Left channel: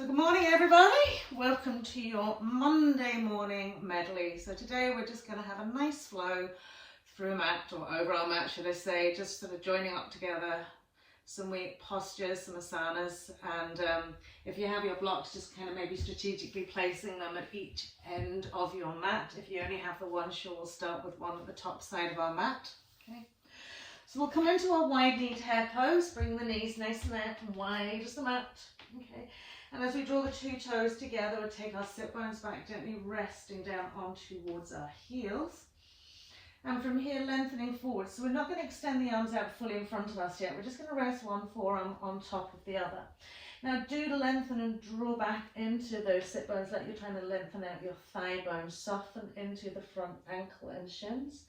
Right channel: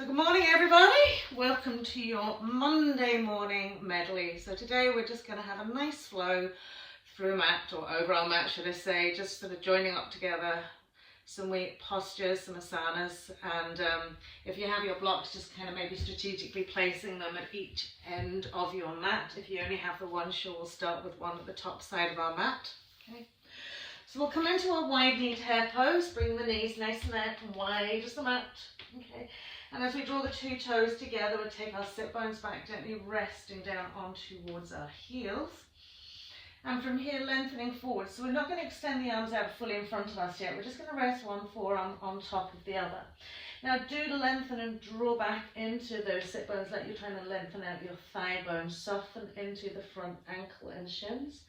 So good morning everybody, welcome to your Monday morning medley. So today we're just going to have a nice flow through a mat, or over our mat should I say, just sort of joining up together some postures, some asanas, and if you have your blocks, just kind of maybe strategically placing them at each end of your mat. If you only have the one, sure, we'll start with one at the top side of our mat. Okay. So we'll come into our wide kneed hare pose, bring the knees nice and out and wide as the mat. Okay. And as we draw the two toes together, we'll take our sit bones back, gently resting down on towards our heels. And from here, lengthening forward. So we're not going to extend the arms out fully in front of us yet. We're just going to rest one forearm on top of the other. Now do lengthen and draw back into those sit bones like you're trying to lengthen out your thigh bones. Soften into the front ankle and shins.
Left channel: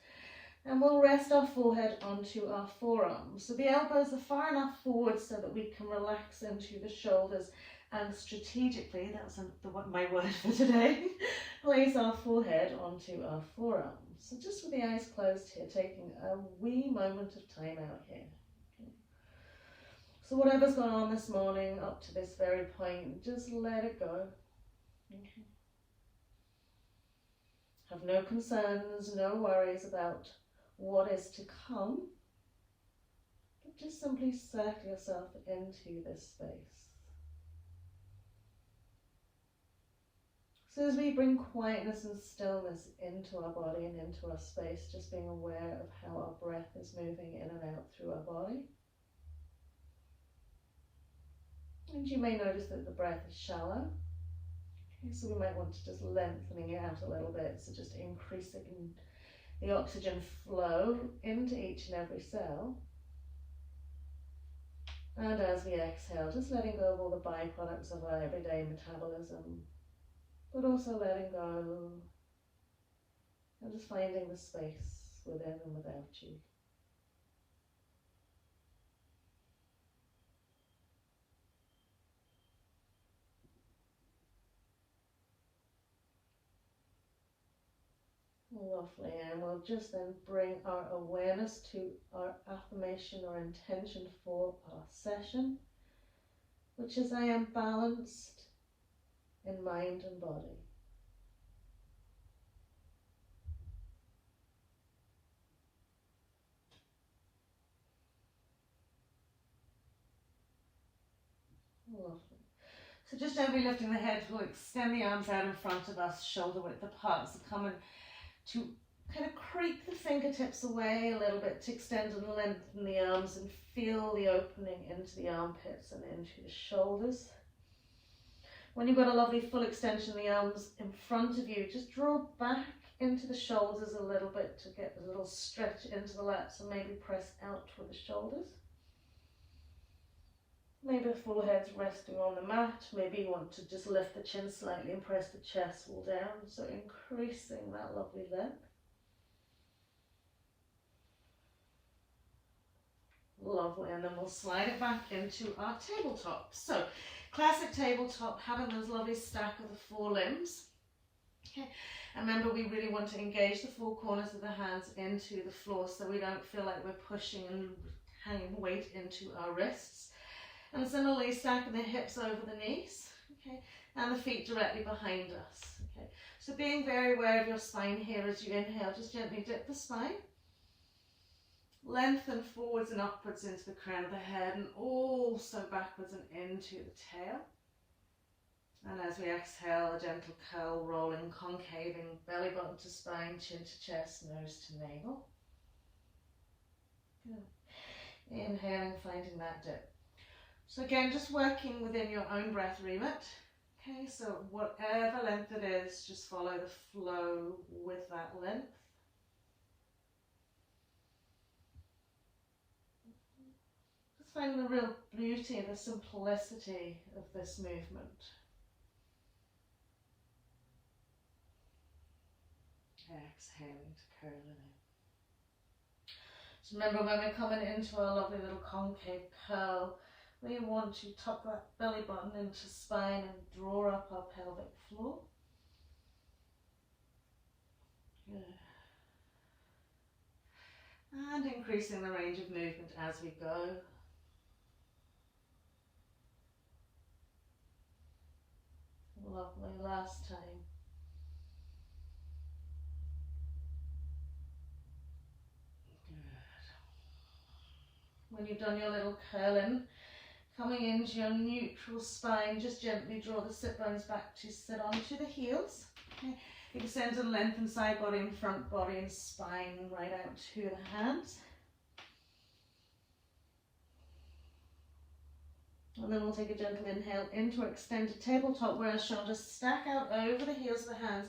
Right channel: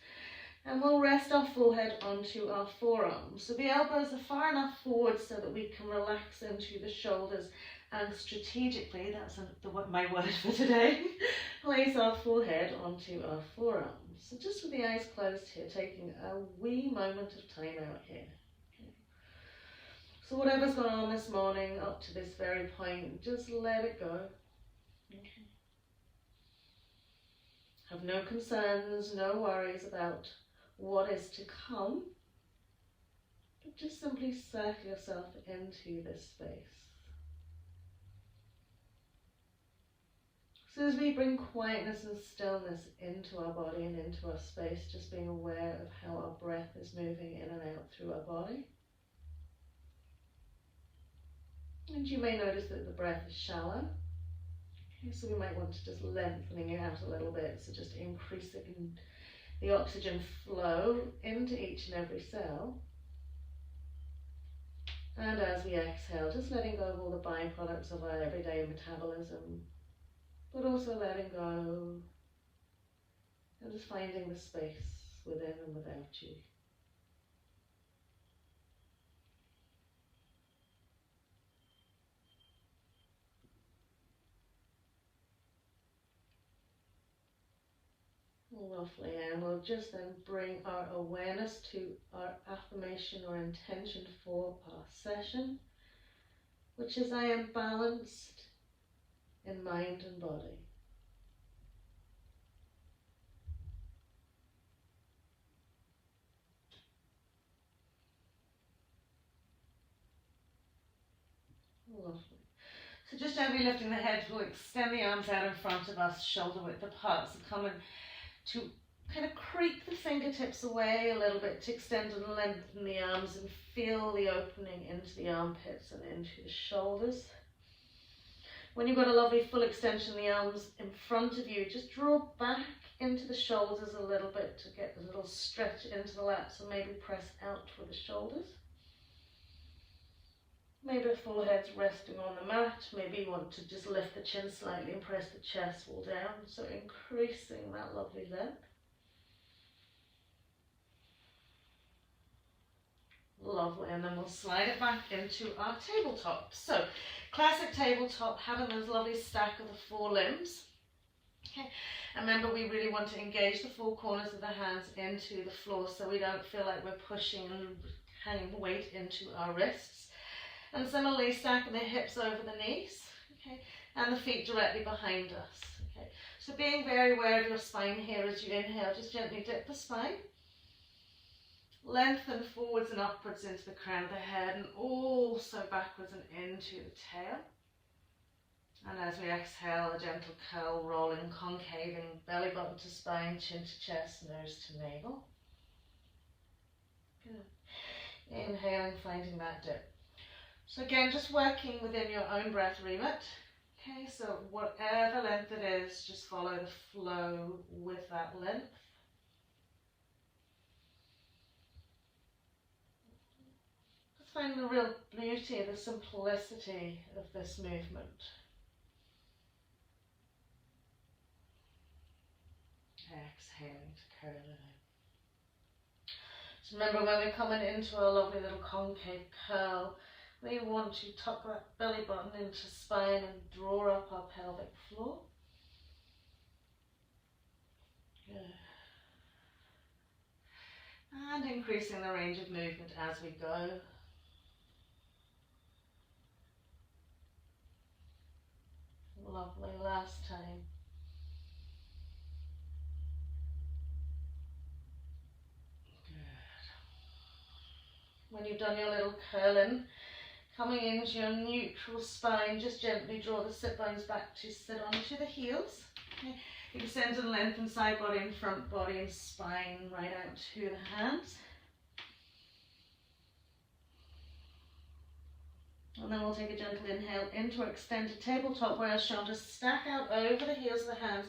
And we'll rest our forehead onto our forearms. So the elbows are far enough forward so that we can relax into the shoulders. And strategically, that's my word for today, place our forehead onto our forearms. So just with the eyes closed here, taking a wee moment of time out here. Okay. So whatever's gone on this morning up to this very point, just let it go. Okay. Have no concerns, no worries about what is to come, but just simply circle yourself into this space. So as we bring quietness and stillness into our body and into our space, just being aware of how our breath is moving in and out through our body. And you may notice that the breath is shallow. Okay, so we might want to just lengthening it out a little bit, so just increasing the oxygen flow into each and every cell. And as we exhale, just letting go of all the byproducts of our everyday metabolism, but also letting go and just finding the space within and without you. Lovely, and we'll just then bring our awareness to our affirmation or intention for our session, which is I am balanced in mind and body. Lovely. So just gently lifting the head, we'll extend the arms out in front of us, shoulder width apart. So coming to kind of creep the fingertips away a little bit to extend and lengthen the arms and feel the opening into the armpits and into the shoulders. When you've got a lovely full extension, the arms in front of you, just draw back into the shoulders a little bit to get a little stretch into the lats, and maybe press out with the shoulders. Maybe the forehead's resting on the mat. Maybe you want to just lift the chin slightly and press the chest wall down, so increasing that lovely length. Lovely, and then we'll slide it back into our tabletop. So, classic tabletop, having this lovely stack of the four limbs. Okay, and remember we really want to engage the four corners of the hands into the floor so we don't feel like we're pushing and hanging weight into our wrists. And similarly, stacking the hips over the knees, okay, and the feet directly behind us. Okay, so being very aware of your spine here as you inhale, just gently dip the spine. Lengthen forwards and upwards into the crown of the head, and also backwards and into the tail. And as we exhale, a gentle curl, rolling, concaving, belly button to spine, chin to chest, nose to navel. Good. Inhaling, finding that dip. So again, just working within your own breath remit. Okay, so whatever length it is, just follow the flow with that length. Just find the real beauty, the simplicity of this movement. Exhaling to curl it in. So remember, when we're coming into our lovely little concave curl, we want to tuck that belly button into spine and draw up our pelvic floor. Good. And increasing the range of movement as we go. Lovely, last time. Good. When you've done your little curling, coming into your neutral spine, just gently draw the sit bones back to sit onto the heels. Okay. Extend and lengthen side body and front body and spine right out to the hands. And then we'll take a gentle inhale into our extended tabletop where our shoulders stack out over the heels of the hands.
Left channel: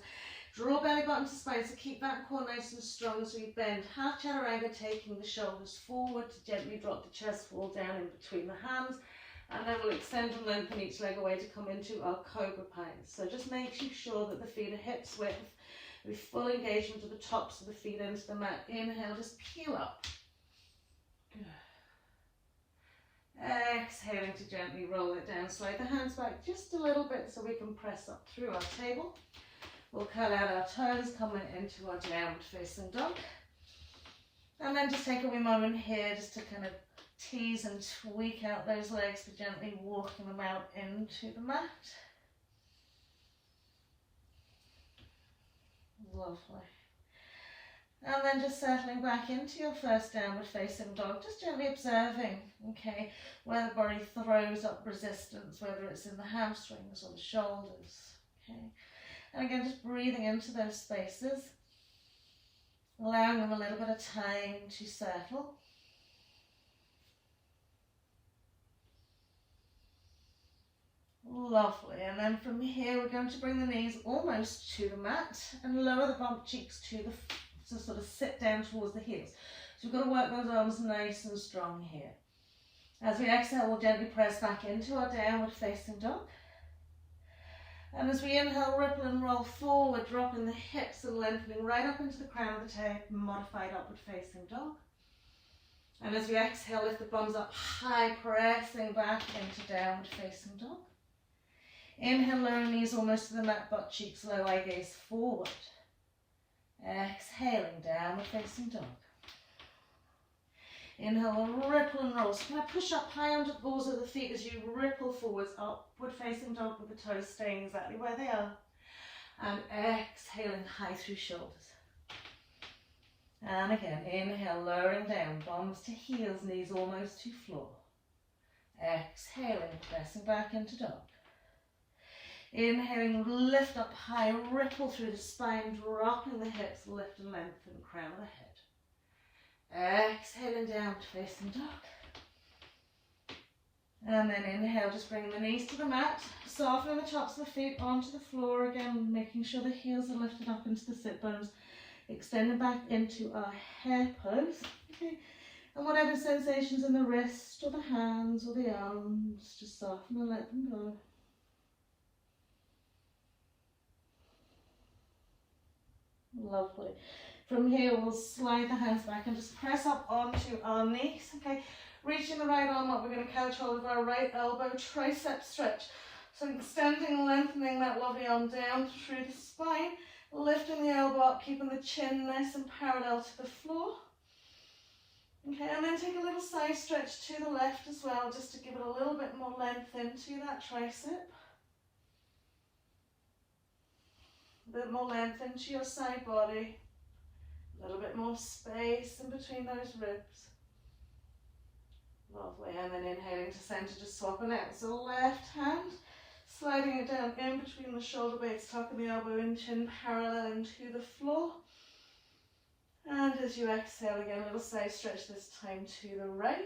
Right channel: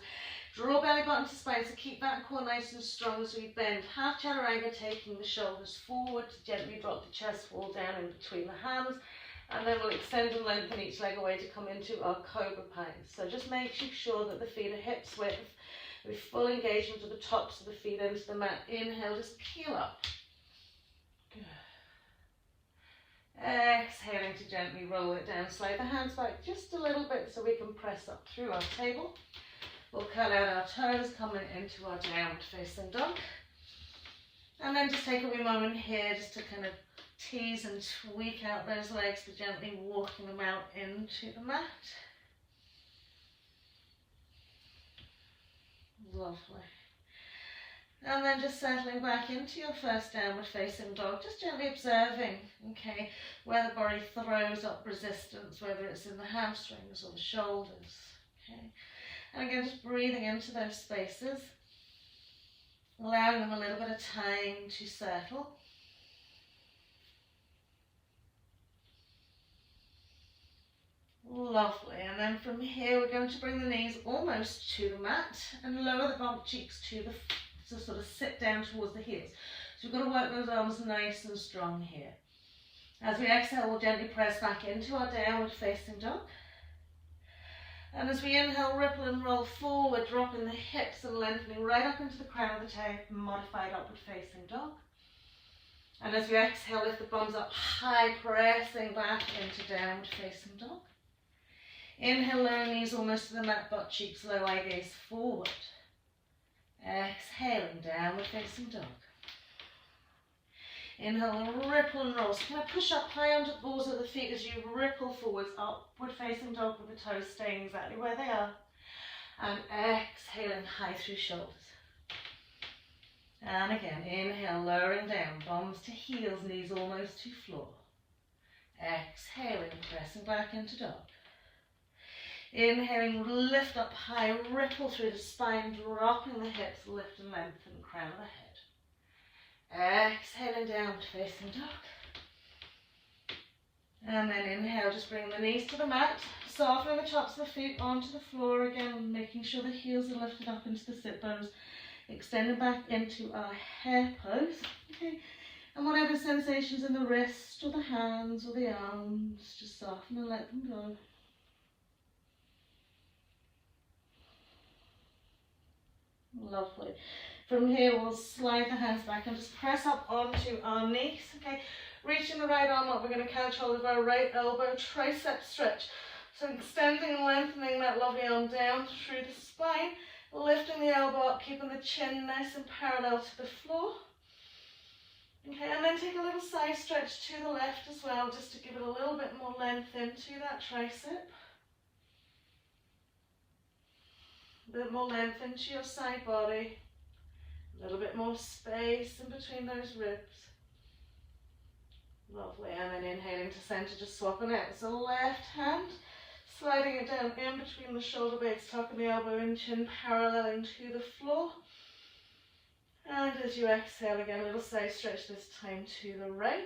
Draw belly button to spine, so keep that core nice and strong as we bend. Half chaturanga, taking the shoulders forward to gently drop the chest fall down in between the hands. And then we'll extend and lengthen each leg away to come into our cobra pose. So just making sure that the feet are hips width with full engagement of the tops of the feet into the mat. Inhale, just peel up. Good. Exhaling to gently roll it down. Slide the hands back just a little bit so we can press up through our table. We'll curl out our toes, coming into our downward facing dog. And then just take a wee moment here just to kind of tease and tweak out those legs, but gently walking them out into the mat. Lovely. And then just settling back into your first downward facing dog, just gently observing, okay, where the body throws up resistance, whether it's in the hamstrings or the shoulders, okay. And again, just breathing into those spaces, allowing them a little bit of time to settle. Lovely. And then from here, we're going to bring the knees almost to the mat and lower the bump cheeks to sort of sit down towards the heels. So we've got to work those arms nice and strong here. As we exhale, we'll gently press back into our downward facing dog. And as we inhale, ripple and roll forward, dropping the hips and lengthening right up into the crown of the tail, modified upward facing dog. And as we exhale, lift the bums up high, pressing back into downward facing dog. Inhale, lower knees almost to the mat, butt cheeks low, eye gaze forward. Exhaling, downward facing dog. Inhale, ripple and roll. So kind of push up high onto the balls of the feet as you ripple forwards, upward facing dog with the toes staying exactly where they are. And exhaling high through shoulders. And again, inhale, lowering down, bums to heels, knees almost to floor. Exhaling, pressing back into dog. Inhaling, lift up high, ripple through the spine, dropping the hips, lift and lengthen, crown of the head. Exhaling down to facing dog. And then inhale, just bring the knees to the mat, softening the tops of the feet onto the floor again, making sure the heels are lifted up into the sit bones, extending back into our hare pose. Okay. And whatever sensations in the wrist or the hands or the arms, just soften and let them go. Lovely. From here, we'll slide the hands back and just press up onto our knees. Okay, reaching the right arm up, we're going to catch hold of our right elbow, tricep stretch. So extending and lengthening that lovely arm down through the spine, lifting the elbow up, keeping the chin nice and parallel to the floor. Okay, and then take a little side stretch to the left as well, just to give it a little bit more length into that tricep. A bit more length into your side body. A little bit more space in between those ribs. Lovely. And then inhaling to center, just swapping out. So left hand, sliding it down in between the shoulder blades, tucking the elbow in, chin paralleling to the floor. And as you exhale again, a little side stretch this time to the right.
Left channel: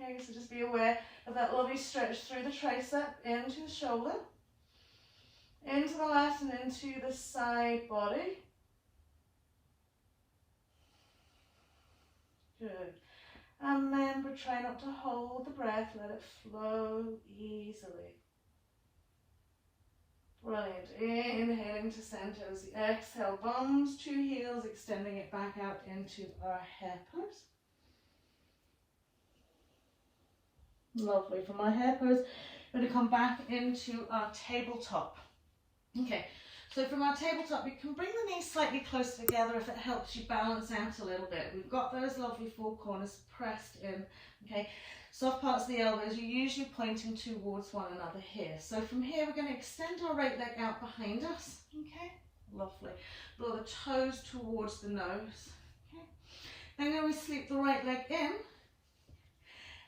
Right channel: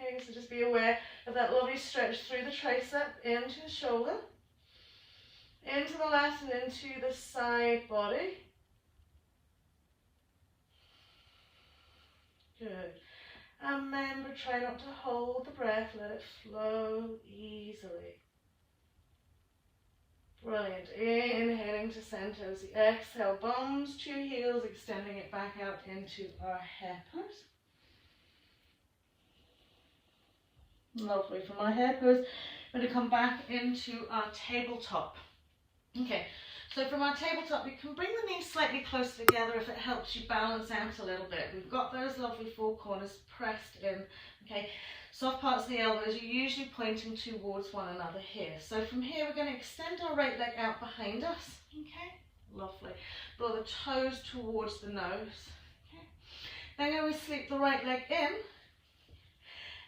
Okay, so just be aware of that lovely stretch through the tricep into the shoulder. Into the left and into the side body. Good. And remember, try not to hold the breath, let it flow easily. Brilliant. Inhaling to center as you exhale, bums to heels, extending it back out into our hare pose. Lovely. From our hare pose, we're going to come back into our tabletop. Okay, So from our tabletop, you can bring the knees slightly closer together if it helps you balance out a little bit. We've got those lovely four corners pressed in, okay? Soft parts of the elbows, you're usually pointing towards one another here. So from here, we're going to extend our right leg out behind us, okay? Lovely. Draw the toes towards the nose, okay? Then we sweep the right leg in,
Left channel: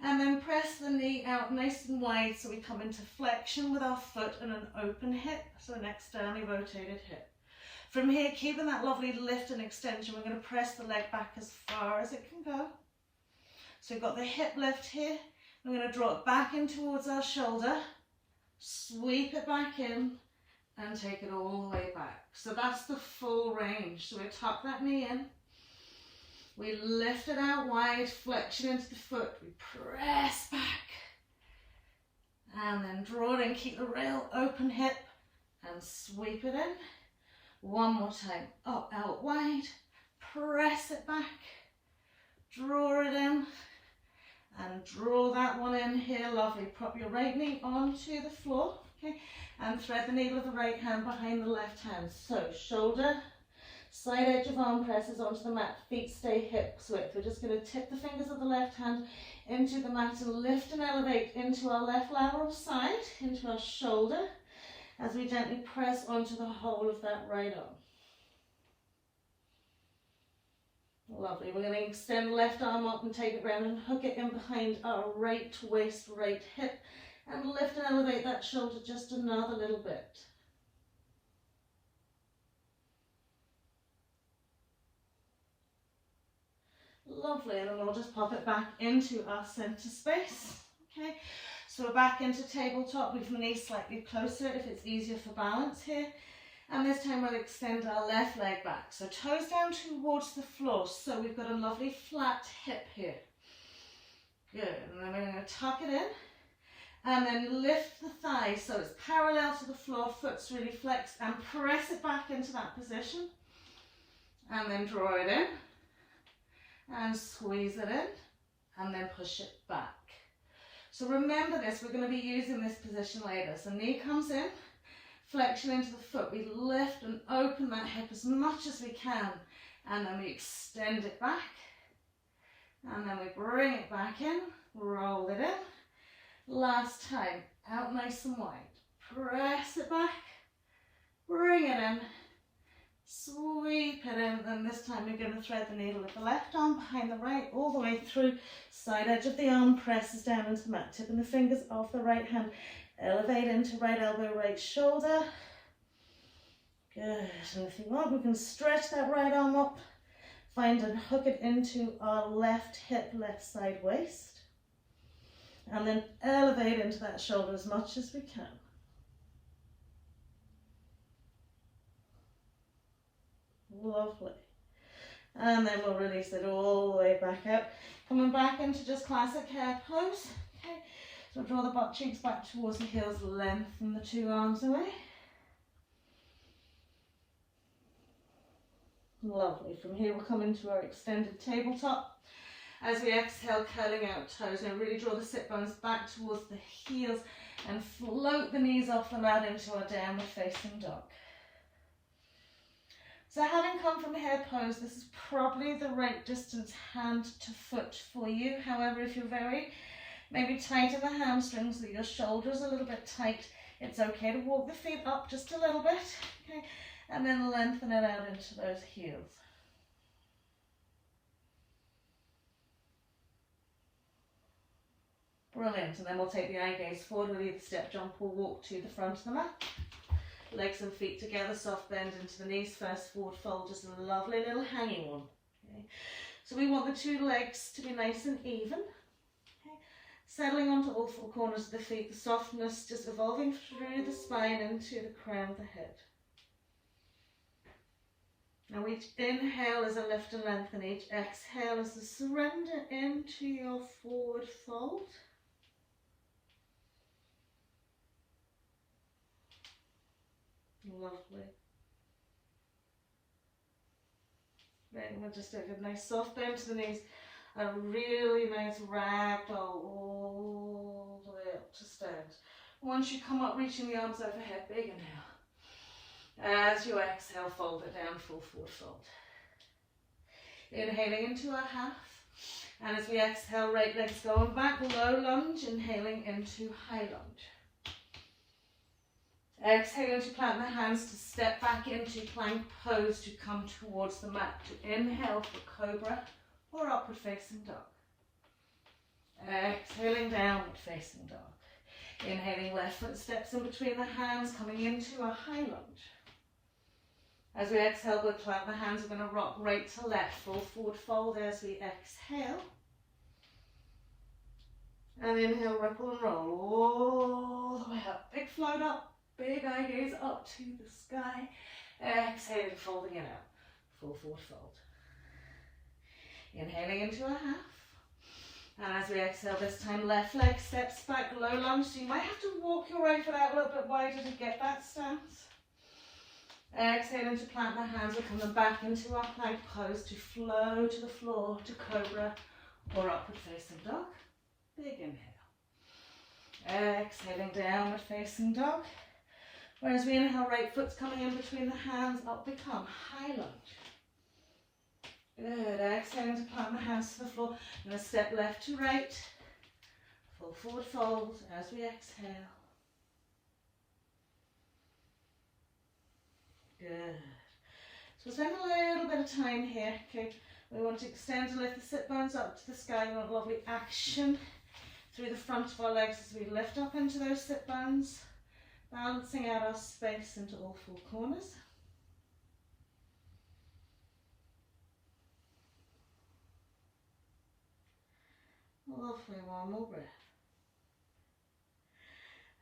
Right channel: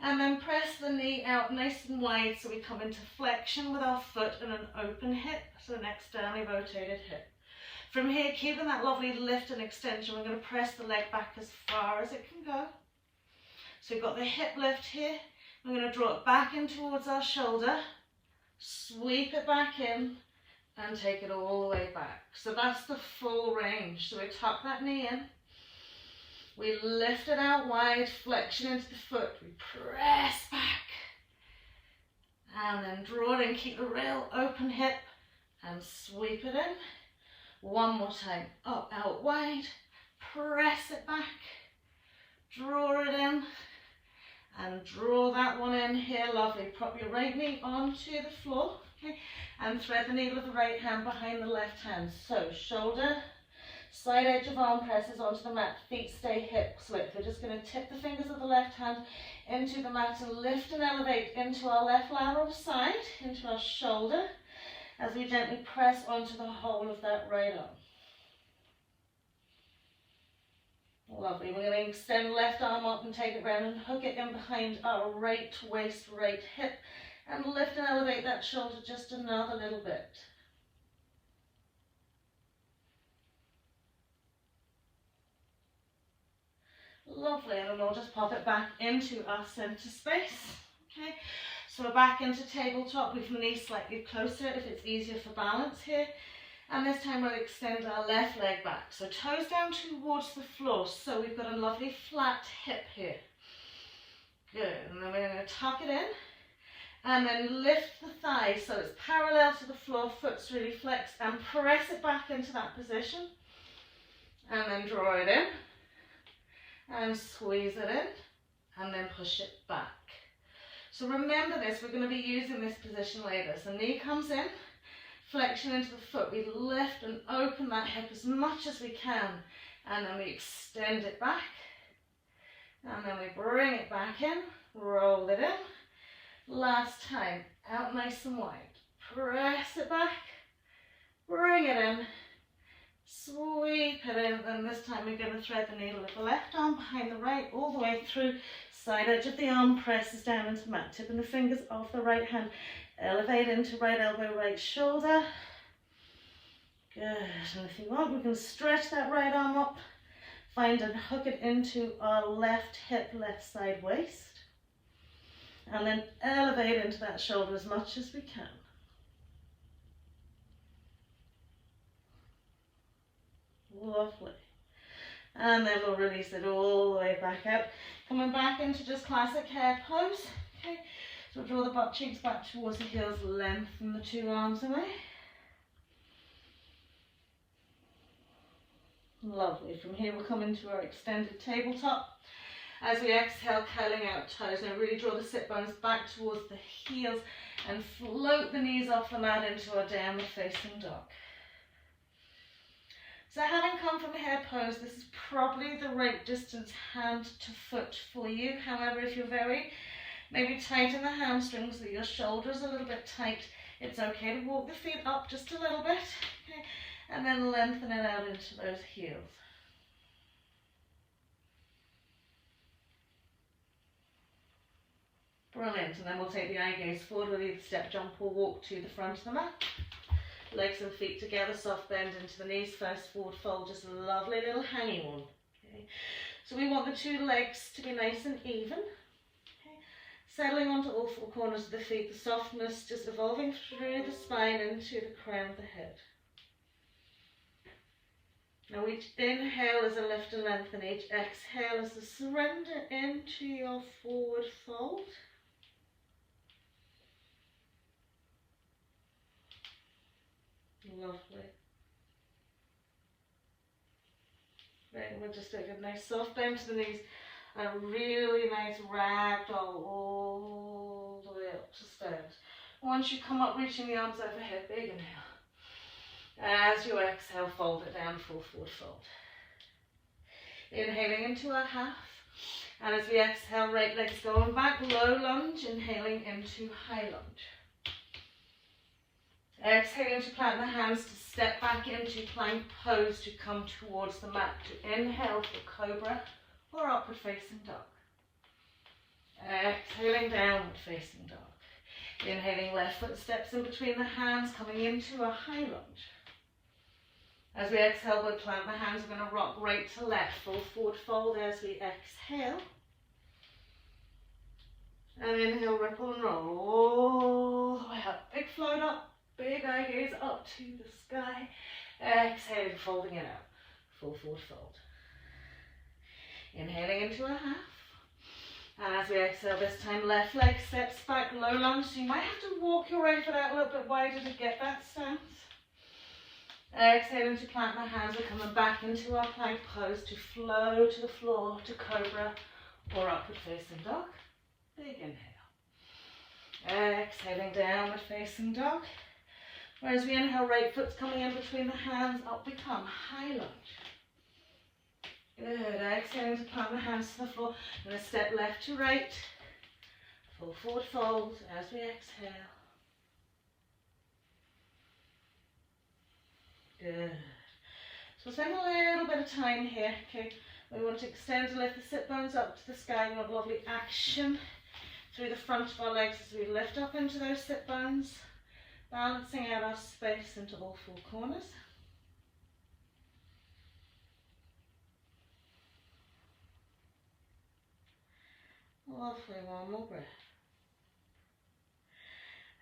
and then press the knee out nice and wide so we come into flexion with our foot and an open hip, so an externally rotated hip. From here, keeping that lovely lift and extension, we're going to press the leg back as far as it can go. So we've got the hip lift here. We're going to draw it back in towards our shoulder, sweep it back in, and take it all the way back. So that's the full range. So we tuck that knee in. We lift it out wide, flexion into the foot, we press back, and then draw it in, keep the real open hip, and sweep it in. One more time, up, out, wide, press it back, draw it in, and draw that one in here, lovely. Prop your right knee onto the floor, okay, and thread the needle of the right hand behind the left hand. So shoulder, side edge of arm presses onto the mat, feet stay hips width. We're just going to tip the fingers of the left hand into the mat and lift and elevate into our left lateral side, into our shoulder, as we gently press onto the whole of that right arm. Lovely. We're going to extend the left arm up and take it round and hook it in behind our right waist, right hip, and lift and elevate that shoulder just another little bit. Lovely, and then we'll just pop it back into our center space, okay? So we're back into tabletop with the knees slightly closer if it's easier for balance here. And this time we'll extend our left leg back. So toes down towards the floor. So we've got a lovely flat hip here. Good, and then we're going to tuck it in. And then lift the thigh so it's parallel to the floor, foot's really flexed, and press it back into that position. And then draw it in. And squeeze it in, and then push it back. So remember this, we're going to be using this position later. So knee comes in, flexion into the foot. We lift and open that hip as much as we can, and then we extend it back, and then we bring it back in, roll it in. Last time, out nice and wide. Press it back, bring it in, sweep it in, and this time we're going to thread the needle of the left arm behind the right, all the way through. Side edge of the arm presses down into the mat, tipping the fingers off the right hand. Elevate into right elbow, right shoulder. Good, and if you want, we can stretch that right arm up, find and hook it into our left hip, left side waist. And then elevate into that shoulder as much as we can. Lovely. And then we'll release it all the way back out. Coming back into just classic hare pose. Okay. So we'll draw the butt cheeks back towards the heels, lengthen the two arms away. Lovely. From here we'll come into our extended tabletop. As we exhale, curling out toes. Now really draw the sit bones back towards the heels and float the knees off the mat into our downward facing dog. So having come from hare pose, this is probably the right distance hand to foot for you. However, if you're very maybe tight in the hamstrings, or your shoulders a little bit tight, it's okay to walk the feet up just a little bit, okay, and then lengthen it out into those heels. Brilliant, and then we'll take the eye gaze forward with either step, jump or walk to the front of the mat. Legs and feet together, soft bend into the knees, first forward fold, just a lovely little hanging one. Okay. So we want the two legs to be nice and even. Okay. Settling onto all four corners of the feet, the softness just evolving through the spine into the crown of the head. Now each inhale is a lift and lengthen, each exhale is a surrender into your forward fold. Lovely. Right, and we'll just take a nice soft bend to the knees, a really nice ragdoll all the way up to stand. Once you come up, reaching the arms overhead, big inhale. As you exhale, fold it down, full forward fold. Inhaling into a half. And as we exhale, right leg's going back, low lunge, inhaling into high lunge. Exhaling to plant the hands to step back into plank pose to come towards the mat. To inhale for cobra or upward facing dog. Exhaling downward facing dog. Inhaling, left foot steps in between the hands, coming into a high lunge. As we exhale, we'll plant the hands. We're going to rock right to left, full forward fold as we exhale. And inhale, ripple and roll all the way up. Big float up. Big eye gaze up to the sky. Exhaling, folding it out. Full forward fold. Inhaling into a half. And as we exhale this time, left leg steps back, low lunge. So you might have to walk your right foot out a little bit wider to get that stance. Exhaling to plant the hands. We're coming back into our plank pose to flow to the floor, to cobra or upward facing dog. Big inhale. Exhaling, downward facing dog. Whereas we inhale, right foot's coming in between the hands, up we come, high lunge. Good, exhaling to plant the hands to the floor. I'm going to step left to right, full forward fold as we exhale. Good. So spend a little bit of time here, okay? We want to extend and lift the sit bones up to the sky. We want lovely action through the front of our legs as we lift up into those sit bones. Balancing out our space into all four corners. Lovely, one more breath.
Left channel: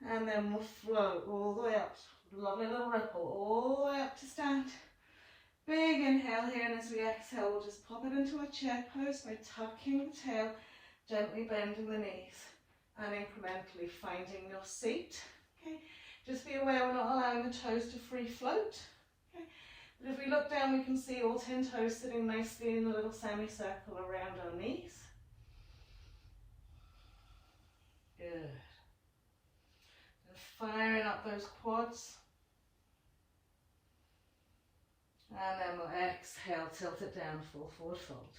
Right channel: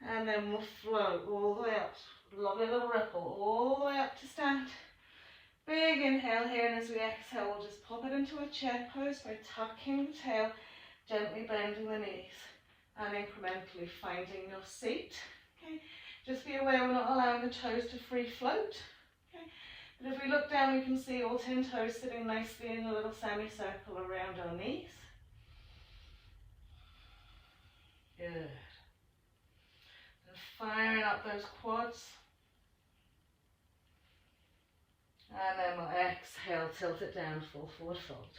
And then we'll float all the way up. Lovely little ripple all the way up to stand. Big inhale here, and as we exhale, we'll just pop it into a chair pose by tucking the tail, gently bending the knees, and incrementally finding your seat. Okay. Just be aware we're not allowing the toes to free float. Okay. But if we look down, we can see all 10 toes sitting nicely in a little semicircle around our knees. Good. And firing up those quads. And then we'll exhale, tilt it down, full forward fold.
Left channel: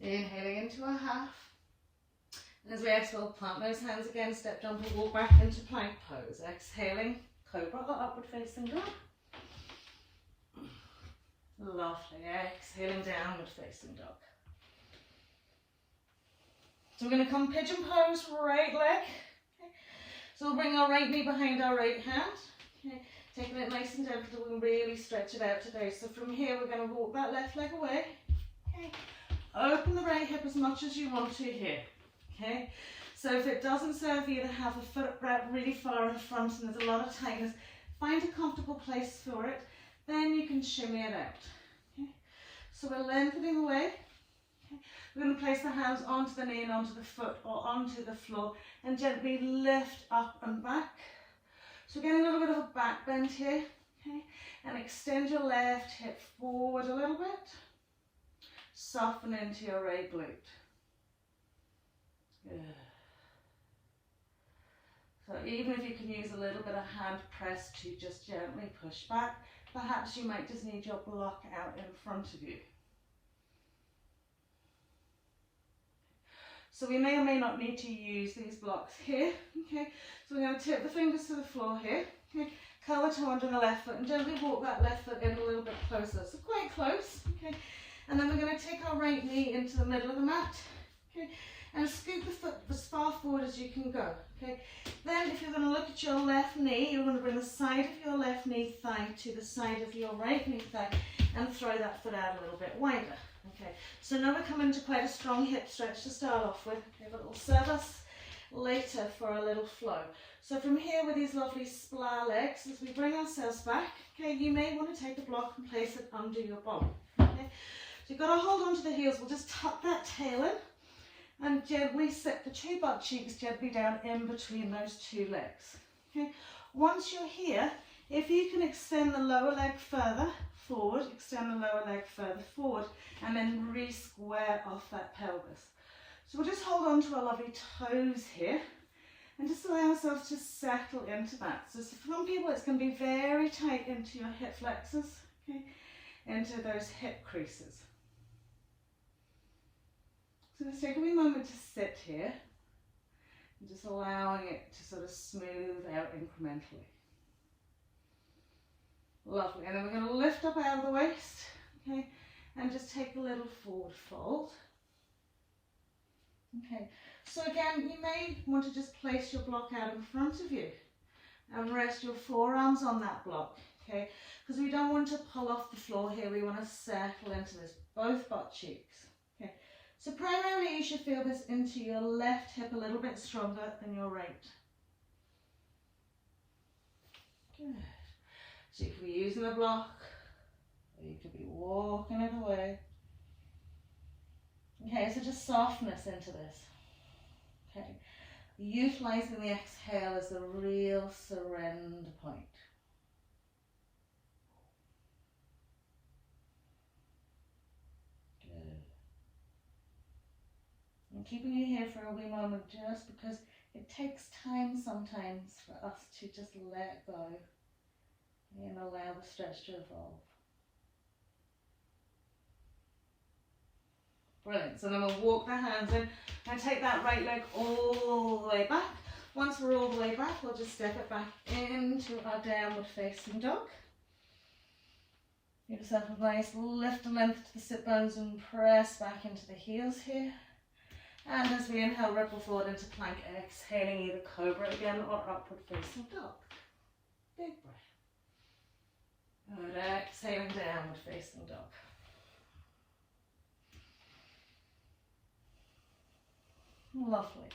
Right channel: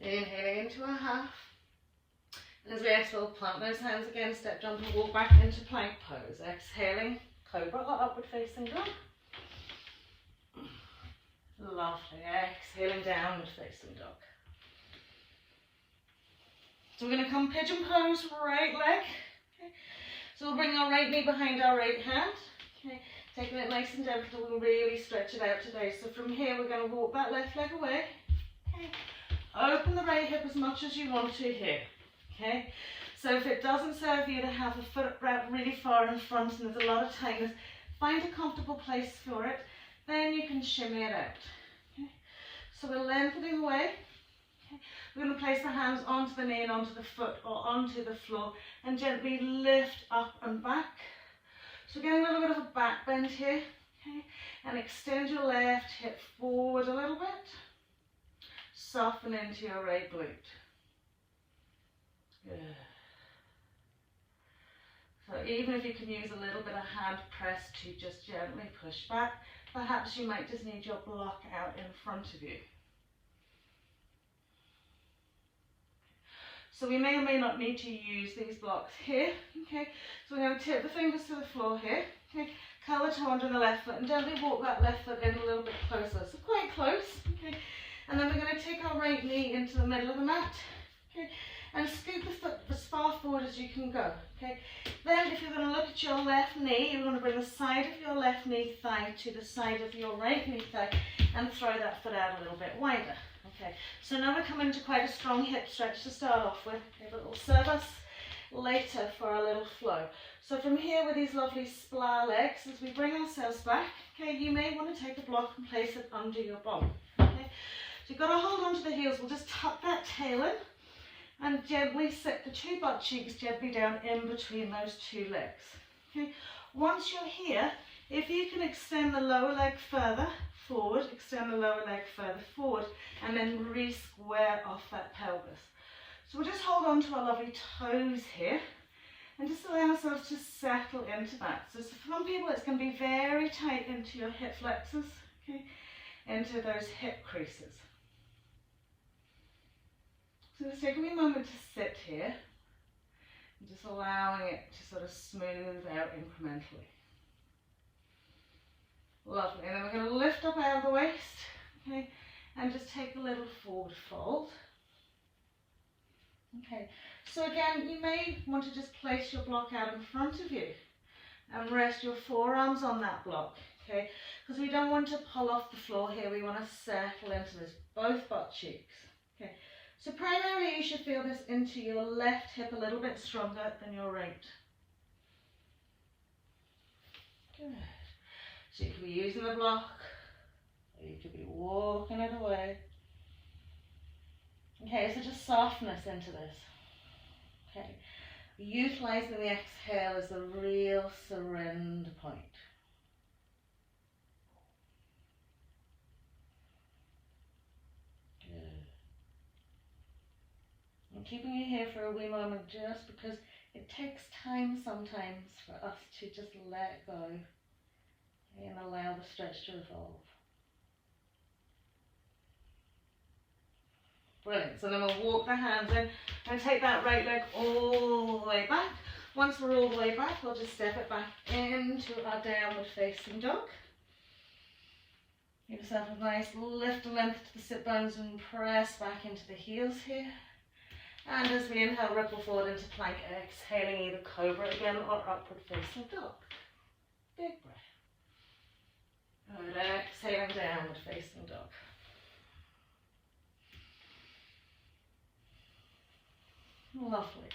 Inhaling into a half. And as we exhale, plant those hands again, step, jump and walk back into plank pose. Exhaling, cobra or upward facing dog. Lovely. Exhaling, downward facing dog. So we're going to come pigeon pose, right leg. Okay. So we'll bring our right knee behind our right hand. Okay. Taking it nice and gentle, we'll really stretch it out today. So from here, we're going to walk that left leg away. Okay. Open the right hip as much as you want to here. Okay, so if it doesn't serve you to have a foot wrapped really far in front and there's a lot of tightness, find a comfortable place for it, then you can shimmy it out. Okay, so we're lengthening away. Okay. We're going to place the hands onto the knee and onto the foot or onto the floor and gently lift up and back. So getting a little bit of a back bend here. Okay, and extend your left hip forward a little bit. Soften into your right glute. Good. So even if you can use a little bit of hand press to just gently push back, perhaps you might just need your block out in front of you. So we may or may not need to use these blocks here. Okay, so we're going to tip the fingers to the floor here. Okay, curl the toe under the left foot and gently walk that left foot in a little bit closer. So quite close. Okay, and then we're going to take our right knee into the middle of the mat. Okay. And scoop the foot as far forward as you can go. Okay. Then if you're going to look at your left knee, you're going to bring the side of your left knee thigh to the side of your right knee thigh and throw that foot out a little bit wider. Okay. So now we're coming to quite a strong hip stretch to start off with. Okay, but it'll serve us later for a little flow. So from here with these lovely splar legs, as we bring ourselves back, okay, you may want to take a block and place it under your bum. Okay. So you've got to hold onto the heels. We'll just tuck that tail in. And gently set the two butt cheeks gently down in between those two legs. Okay. Once you're here, if you can extend the lower leg further forward, extend the lower leg further forward, and then re-square off that pelvis. So we'll just hold on to our lovely toes here, And just allow yourself to settle into that. So for some people it's going to be very tight into your hip flexors, okay, into those hip creases. So just take a wee moment to sit here and just allowing it to sort of smooth out incrementally. Lovely. And then we're going to lift up out of the waist, okay, and just take a little forward fold. Okay, so again, you may want to just place your block out in front of you and rest your forearms on that block, okay, because we don't want to pull off the floor here. We want to settle into this, both butt cheeks, okay. So primarily you should feel this into your left hip a little bit stronger than your right. Good. So you could be using the block, or you could be walking it away. Okay, so just softness into this. Okay, utilising the exhale as the real surrender point. Good. I'm keeping you here for a wee moment just because it takes time sometimes for us to just let go and allow the stretch to evolve. Brilliant. So then we'll walk the hands in and take that right leg all the way back. Once we're all the way back, we'll just step it back into our downward facing dog. Give yourself a nice lift and length to the sit bones and press back into the heels here. And as we inhale, ripple forward into plank, exhaling either cobra again or upward facing dog. Big breath. And exhaling downward facing dog. Lovely.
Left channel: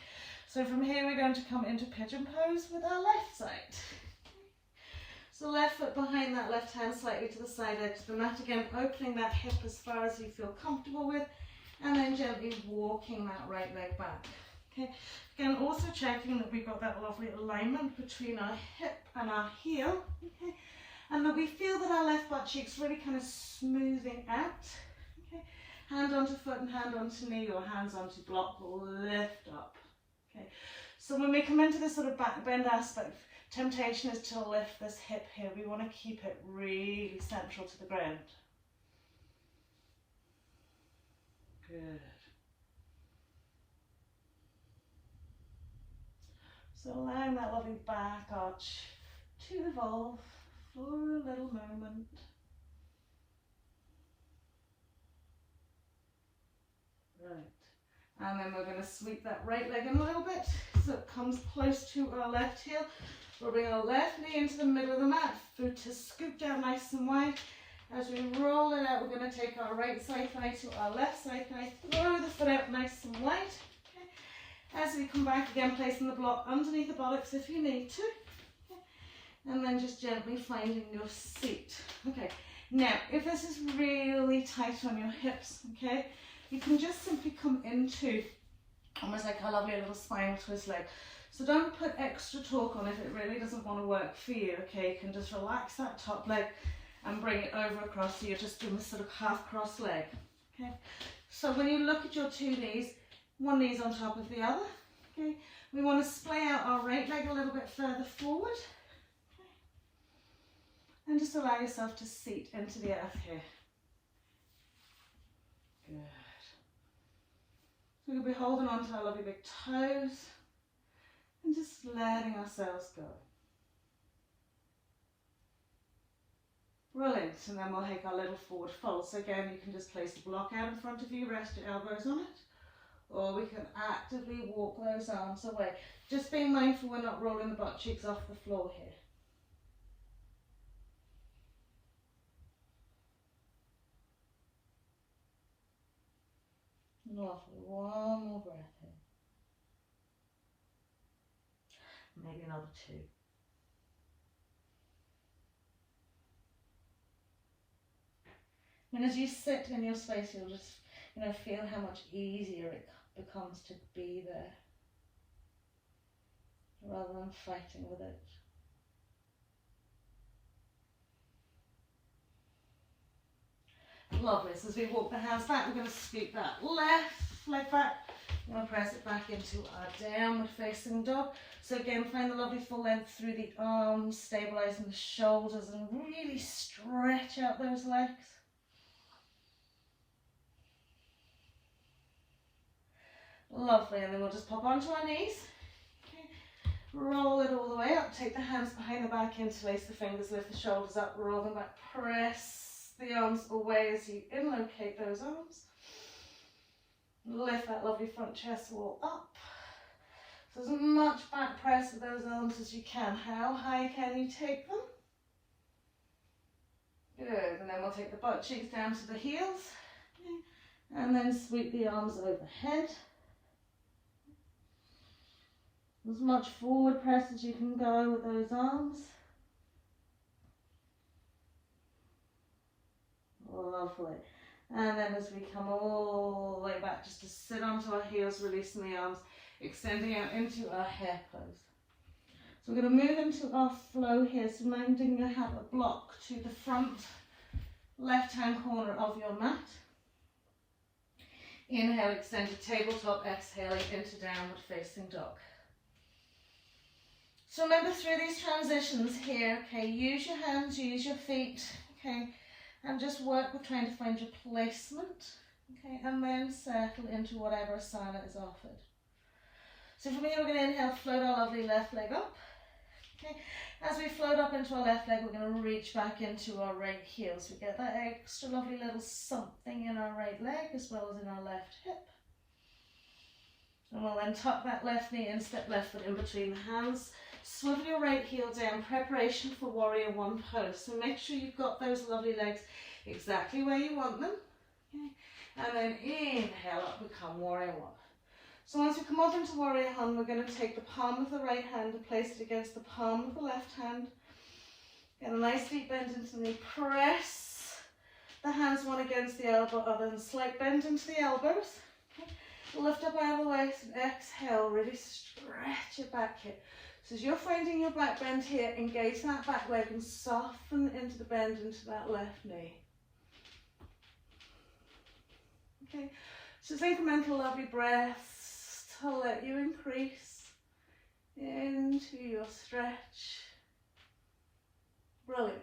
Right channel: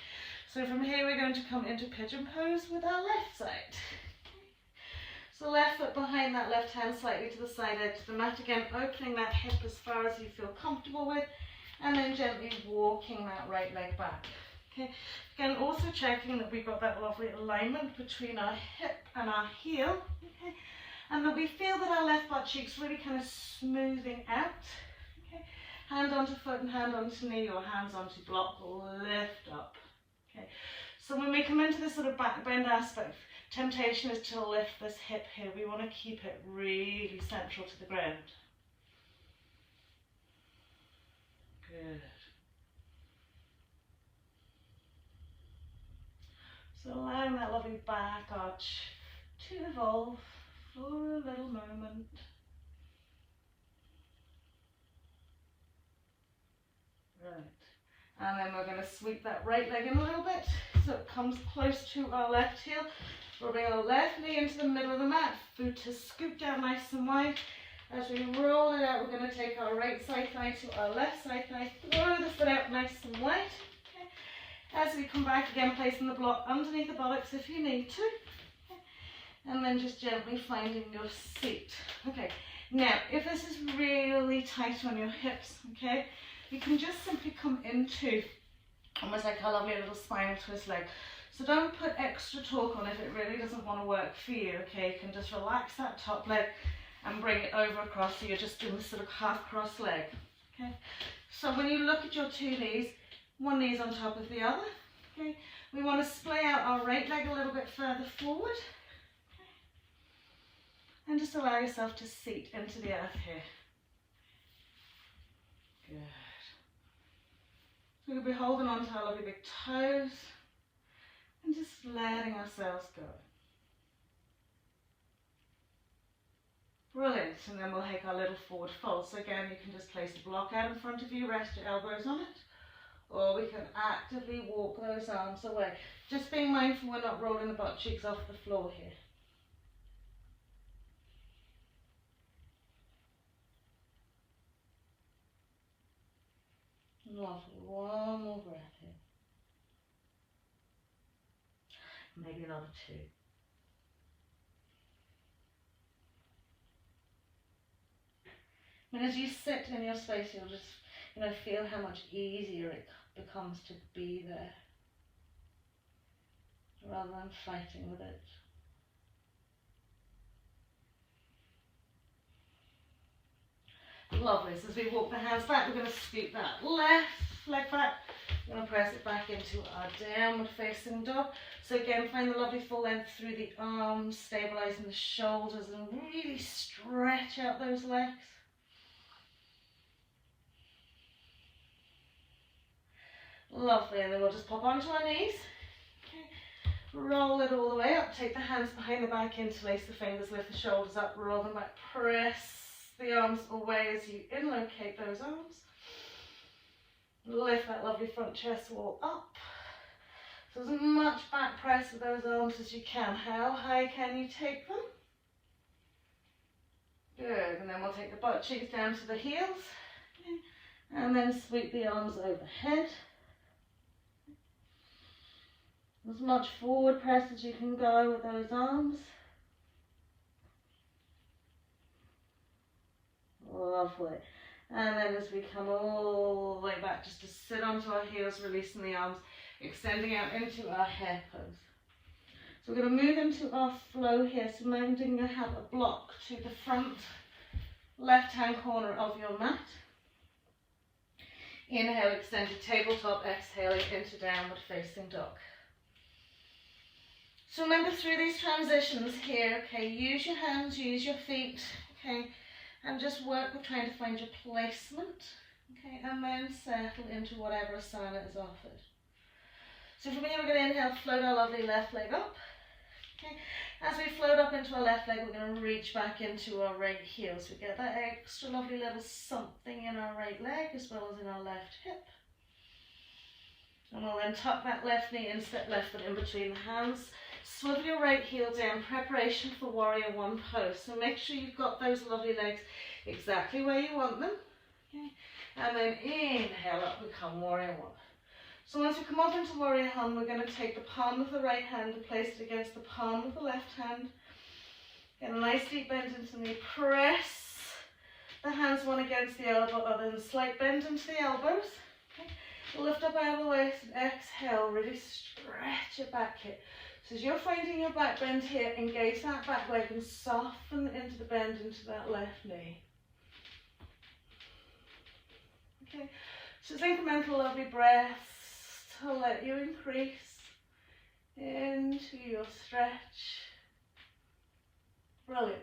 So from here we're going to come into pigeon pose with our left side. So left foot behind that left hand slightly to the side edge of the mat. Again, opening that hip as far as you feel comfortable with, and then gently walking that right leg back. Okay. Again, also checking that we've got that lovely alignment between our hip and our heel. Okay. And that we feel that our left butt cheek's really kind of smoothing out. Okay. Hand onto foot and hand onto knee, or hands onto block, lift up. Okay. So when we come into this sort of back bend aspect, temptation is to lift this hip here. We want to keep it really central to the ground. Good. So allowing that lovely back arch to evolve for a little moment. Right. And then we're going to sweep that right leg in a little bit so it comes close to our left heel. We'll bring our left knee into the middle of the mat, foot to scoop down nice and wide. As we roll it out, we're going to take our right side thigh to our left side thigh, throw the foot out nice and wide. Okay. As we come back again, placing the block underneath the buttocks if you need to. Okay. And then just gently finding your seat. Okay. Now, if this is really tight on your hips, okay, you can just simply come into almost like a lovely little spinal twist leg. So don't put extra torque on if it really doesn't want to work for you, okay? You can just relax that top leg and bring it over across, so you're just doing this sort of half cross leg, okay? So when you look at your two knees, one knee's on top of the other, okay? We want to splay out our right leg a little bit further forward, okay? And just allow yourself to seat into the earth here. Good. So we'll be holding on to our lovely big toes and just letting ourselves go. Brilliant. And then we'll take our little forward fold. So again, you can just place the block out in front of you, rest your elbows on it, or we can actively walk those arms away. Just being mindful we're not rolling the butt cheeks off the floor here. Lovely. One more breath in. Maybe another two. And as you sit in your space, you'll just, feel how much easier it becomes to be there, rather than fighting with it. Lovely. So as we walk the hands back, we're going to scoop that left leg back, We're going to press it back into our downward facing dog. So again, find the lovely full length through the arms, stabilizing the shoulders, and really stretch out those legs. Lovely, and then we'll just pop onto our knees. Okay. Roll it all the way up, take the hands behind the back, interlace the fingers, lift the shoulders up, roll them back, press the arms away as you inlocate those arms. Lift that lovely front chest wall up. So as much back press with those arms as you can. How high can you take them? Good, and then we'll take the butt cheeks down to the heels. Okay. And then sweep the arms overhead. As much forward press as you can go with those arms. Lovely. And then as we come all the way back, just to sit onto our heels, releasing the arms, extending out into our hare pose. So we're going to move into our flow here. So minding you have a block to the front left-hand corner of your mat. Inhale, extended tabletop, exhaling into downward facing dog. So remember through these transitions here, okay, use your hands, use your feet, okay, and just work with trying to find your placement, okay, and then settle into whatever asana is offered. So from here we're going to inhale, float our lovely left leg up, okay. As we float up into our left leg, we're going to reach back into our right heel, so we get that extra lovely little something in our right leg as well as in our left hip. And we'll then tuck that left knee in, step left foot in between the hands. Swivel your right heel down, preparation for warrior one pose. So make sure you've got those lovely legs exactly where you want them. Okay. And then inhale up, become warrior one. So once we come up into warrior one, we're going to take the palm of the right hand and place it against the palm of the left hand. Get a nice deep bend into the knee. Press the hands one against the elbow, other than slight bend into the elbows. Okay. Lift up out of the waist and exhale, really stretch your back here. So as you're finding your back bend here, engage that back leg and soften into the bend into that left knee. Okay, so just incremental lovely breaths to let you increase into your stretch. Brilliant.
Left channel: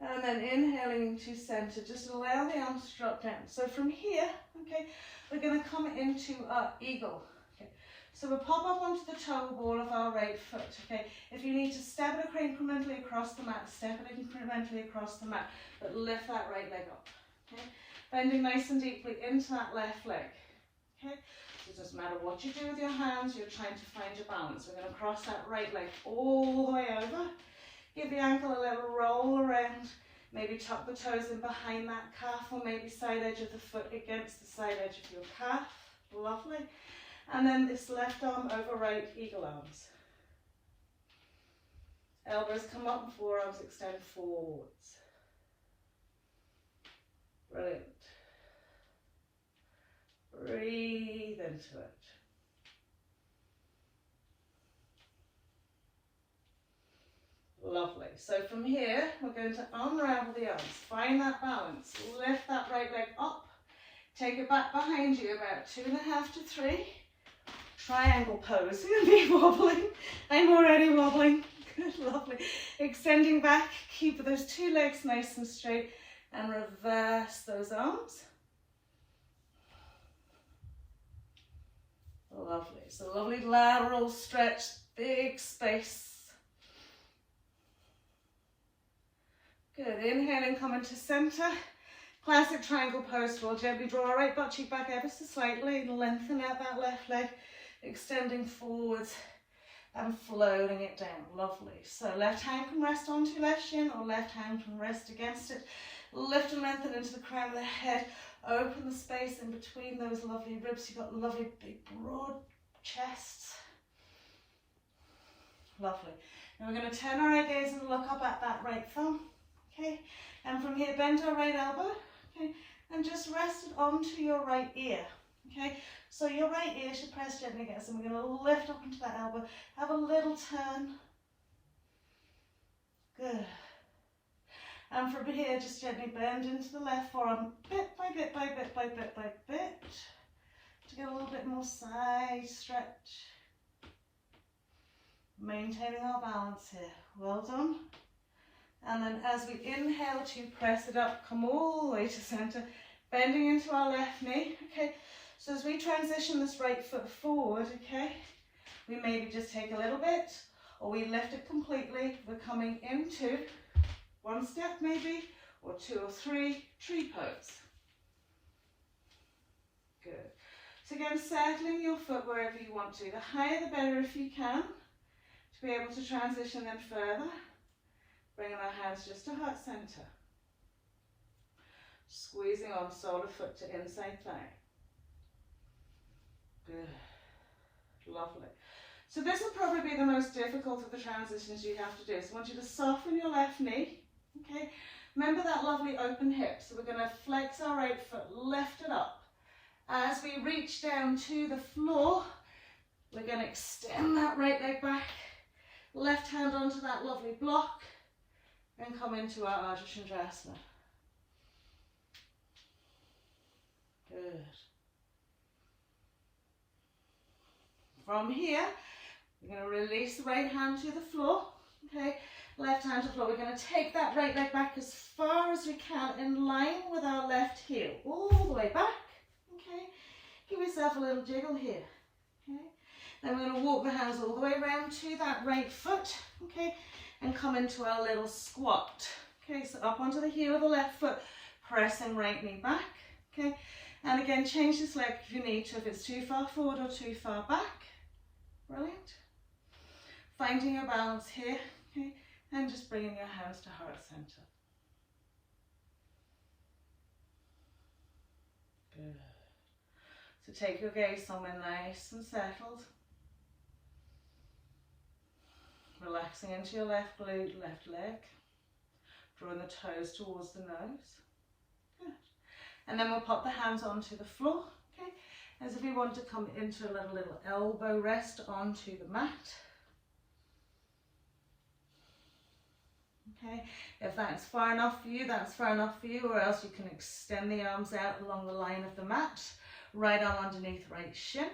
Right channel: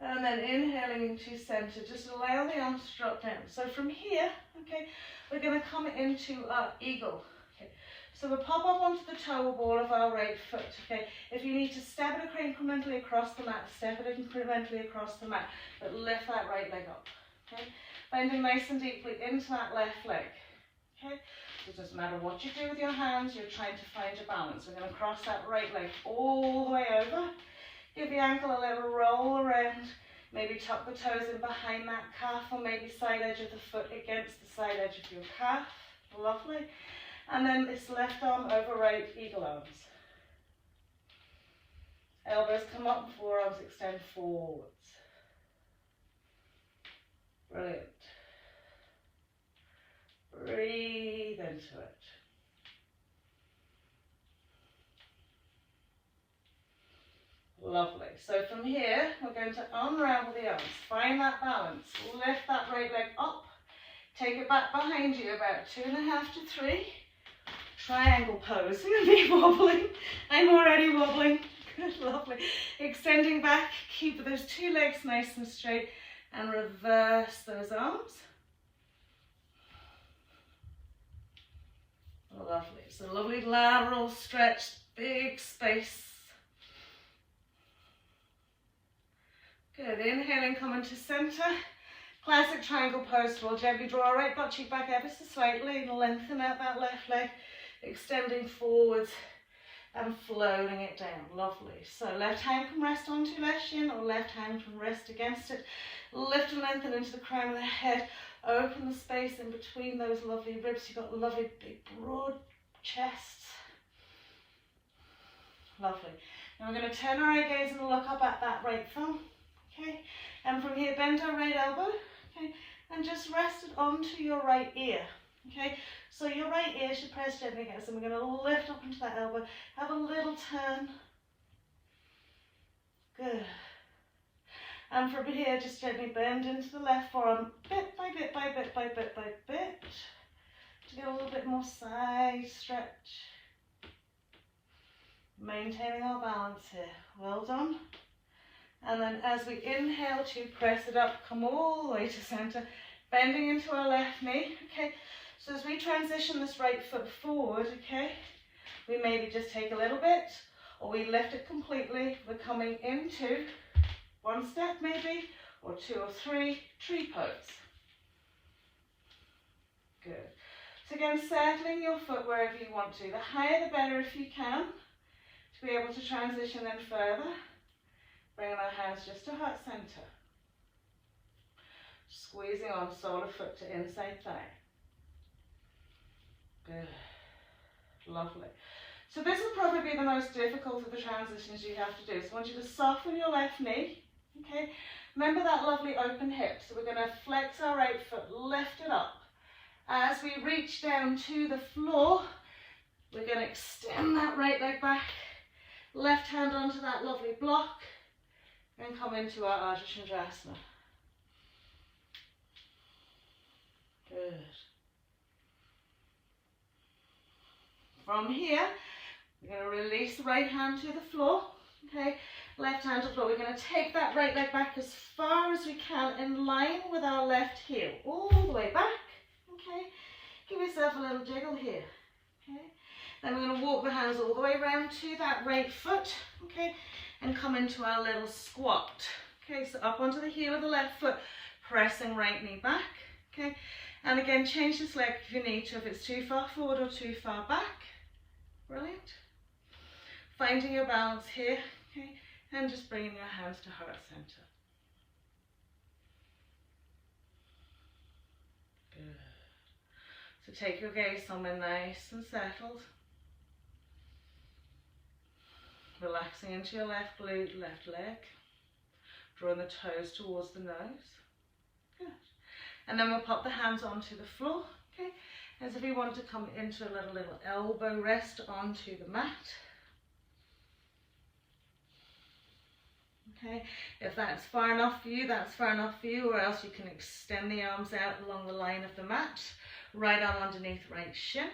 And then inhaling into center, just allow the arms to drop down. So from here, okay, we're going to come into our eagle. Okay. So we'll pop up onto the toe ball of our right foot, okay? If you need to step it incrementally across the mat, step it incrementally across the mat, but lift that right leg up, okay? Bending nice and deeply into that left leg, okay? So it doesn't matter what you do with your hands, you're trying to find your balance. We're going to cross that right leg all the way over. Give the ankle a little roll around, maybe tuck the toes in behind that calf, or maybe side edge of the foot against the side edge of your calf. Lovely. And then this left arm over right, eagle arms. Elbows come up and forearms extend forwards. Brilliant. Breathe into it. Lovely. So from here, we're going to unravel the arms. Find that balance. Lift that right leg up. Take it back behind you about 2.5 to 3. Triangle pose. You're going to be wobbling. I'm already wobbling. Good, lovely. Extending back. Keep those two legs nice and straight. And reverse those arms. Lovely. So lovely lateral stretch. Big space. Good. Inhaling, come into center. Classic triangle pose. We'll gently draw our right butt cheek back ever so slightly and lengthen out that left leg, extending forwards and floating it down. Lovely. So left hand can rest onto left shin or left hand can rest against it. Lift and lengthen into the crown of the head. Open the space in between those lovely ribs. You've got lovely big broad chests. Lovely. Now we're going to turn our right gaze and look up at that right thumb. Okay, and from here bend our right elbow, okay, and just rest it onto your right ear, okay, so your right ear should press gently against, and we're going to lift up into that elbow, have a little turn, good, and from here just gently bend into the left forearm, bit by bit by bit by bit by bit, To get a little bit more side stretch. Maintaining our balance here. Well done. And then as we inhale to press it up, come all the way to center, bending into our left knee. Okay, so as we transition this right foot forward, okay, we maybe just take a little bit, or we lift it completely. We're coming into one step maybe, or two or three, tree pose. Good. So again, settling your foot wherever you want to. The higher the better if you can, to be able to transition then further. Bringing our hands just to heart center. Squeezing on sole of foot to inside thigh. Good. Lovely. So this will probably be the most difficult of the transitions you have to do. So I want you to soften your left knee. Okay. Remember that lovely open hip. So we're going to flex our right foot, lift it up. As we reach down to the floor, we're going to extend that right leg back. Left hand onto that lovely block. And come into our Ardha Chandrasana. Good. From here, we're going to release the right hand to the floor. Okay, left hand to the floor. We're going to take that right leg back as far as we can in line with our left heel. All the way back. Okay, give yourself a little jiggle here. Okay, then we're going to walk the hands all the way around to that right foot. Okay. And come into our little squat. Okay, so up onto the heel of the left foot, pressing right knee back. Okay, and again, change this leg if you need to, if it's too far forward or too far back. Brilliant. Finding your balance here, okay, and just bringing your hands to heart center. Good. So take your gaze somewhere nice and settled. Relaxing into your left glute, left leg. Drawing the toes towards the nose. Good. And then we'll pop the hands onto the floor. Okay. As if you want to come into a little elbow rest onto the mat. Okay. If that's far enough for you, that's far enough for you. Or else you can extend the arms out along the line of the mat. Right arm underneath right shin.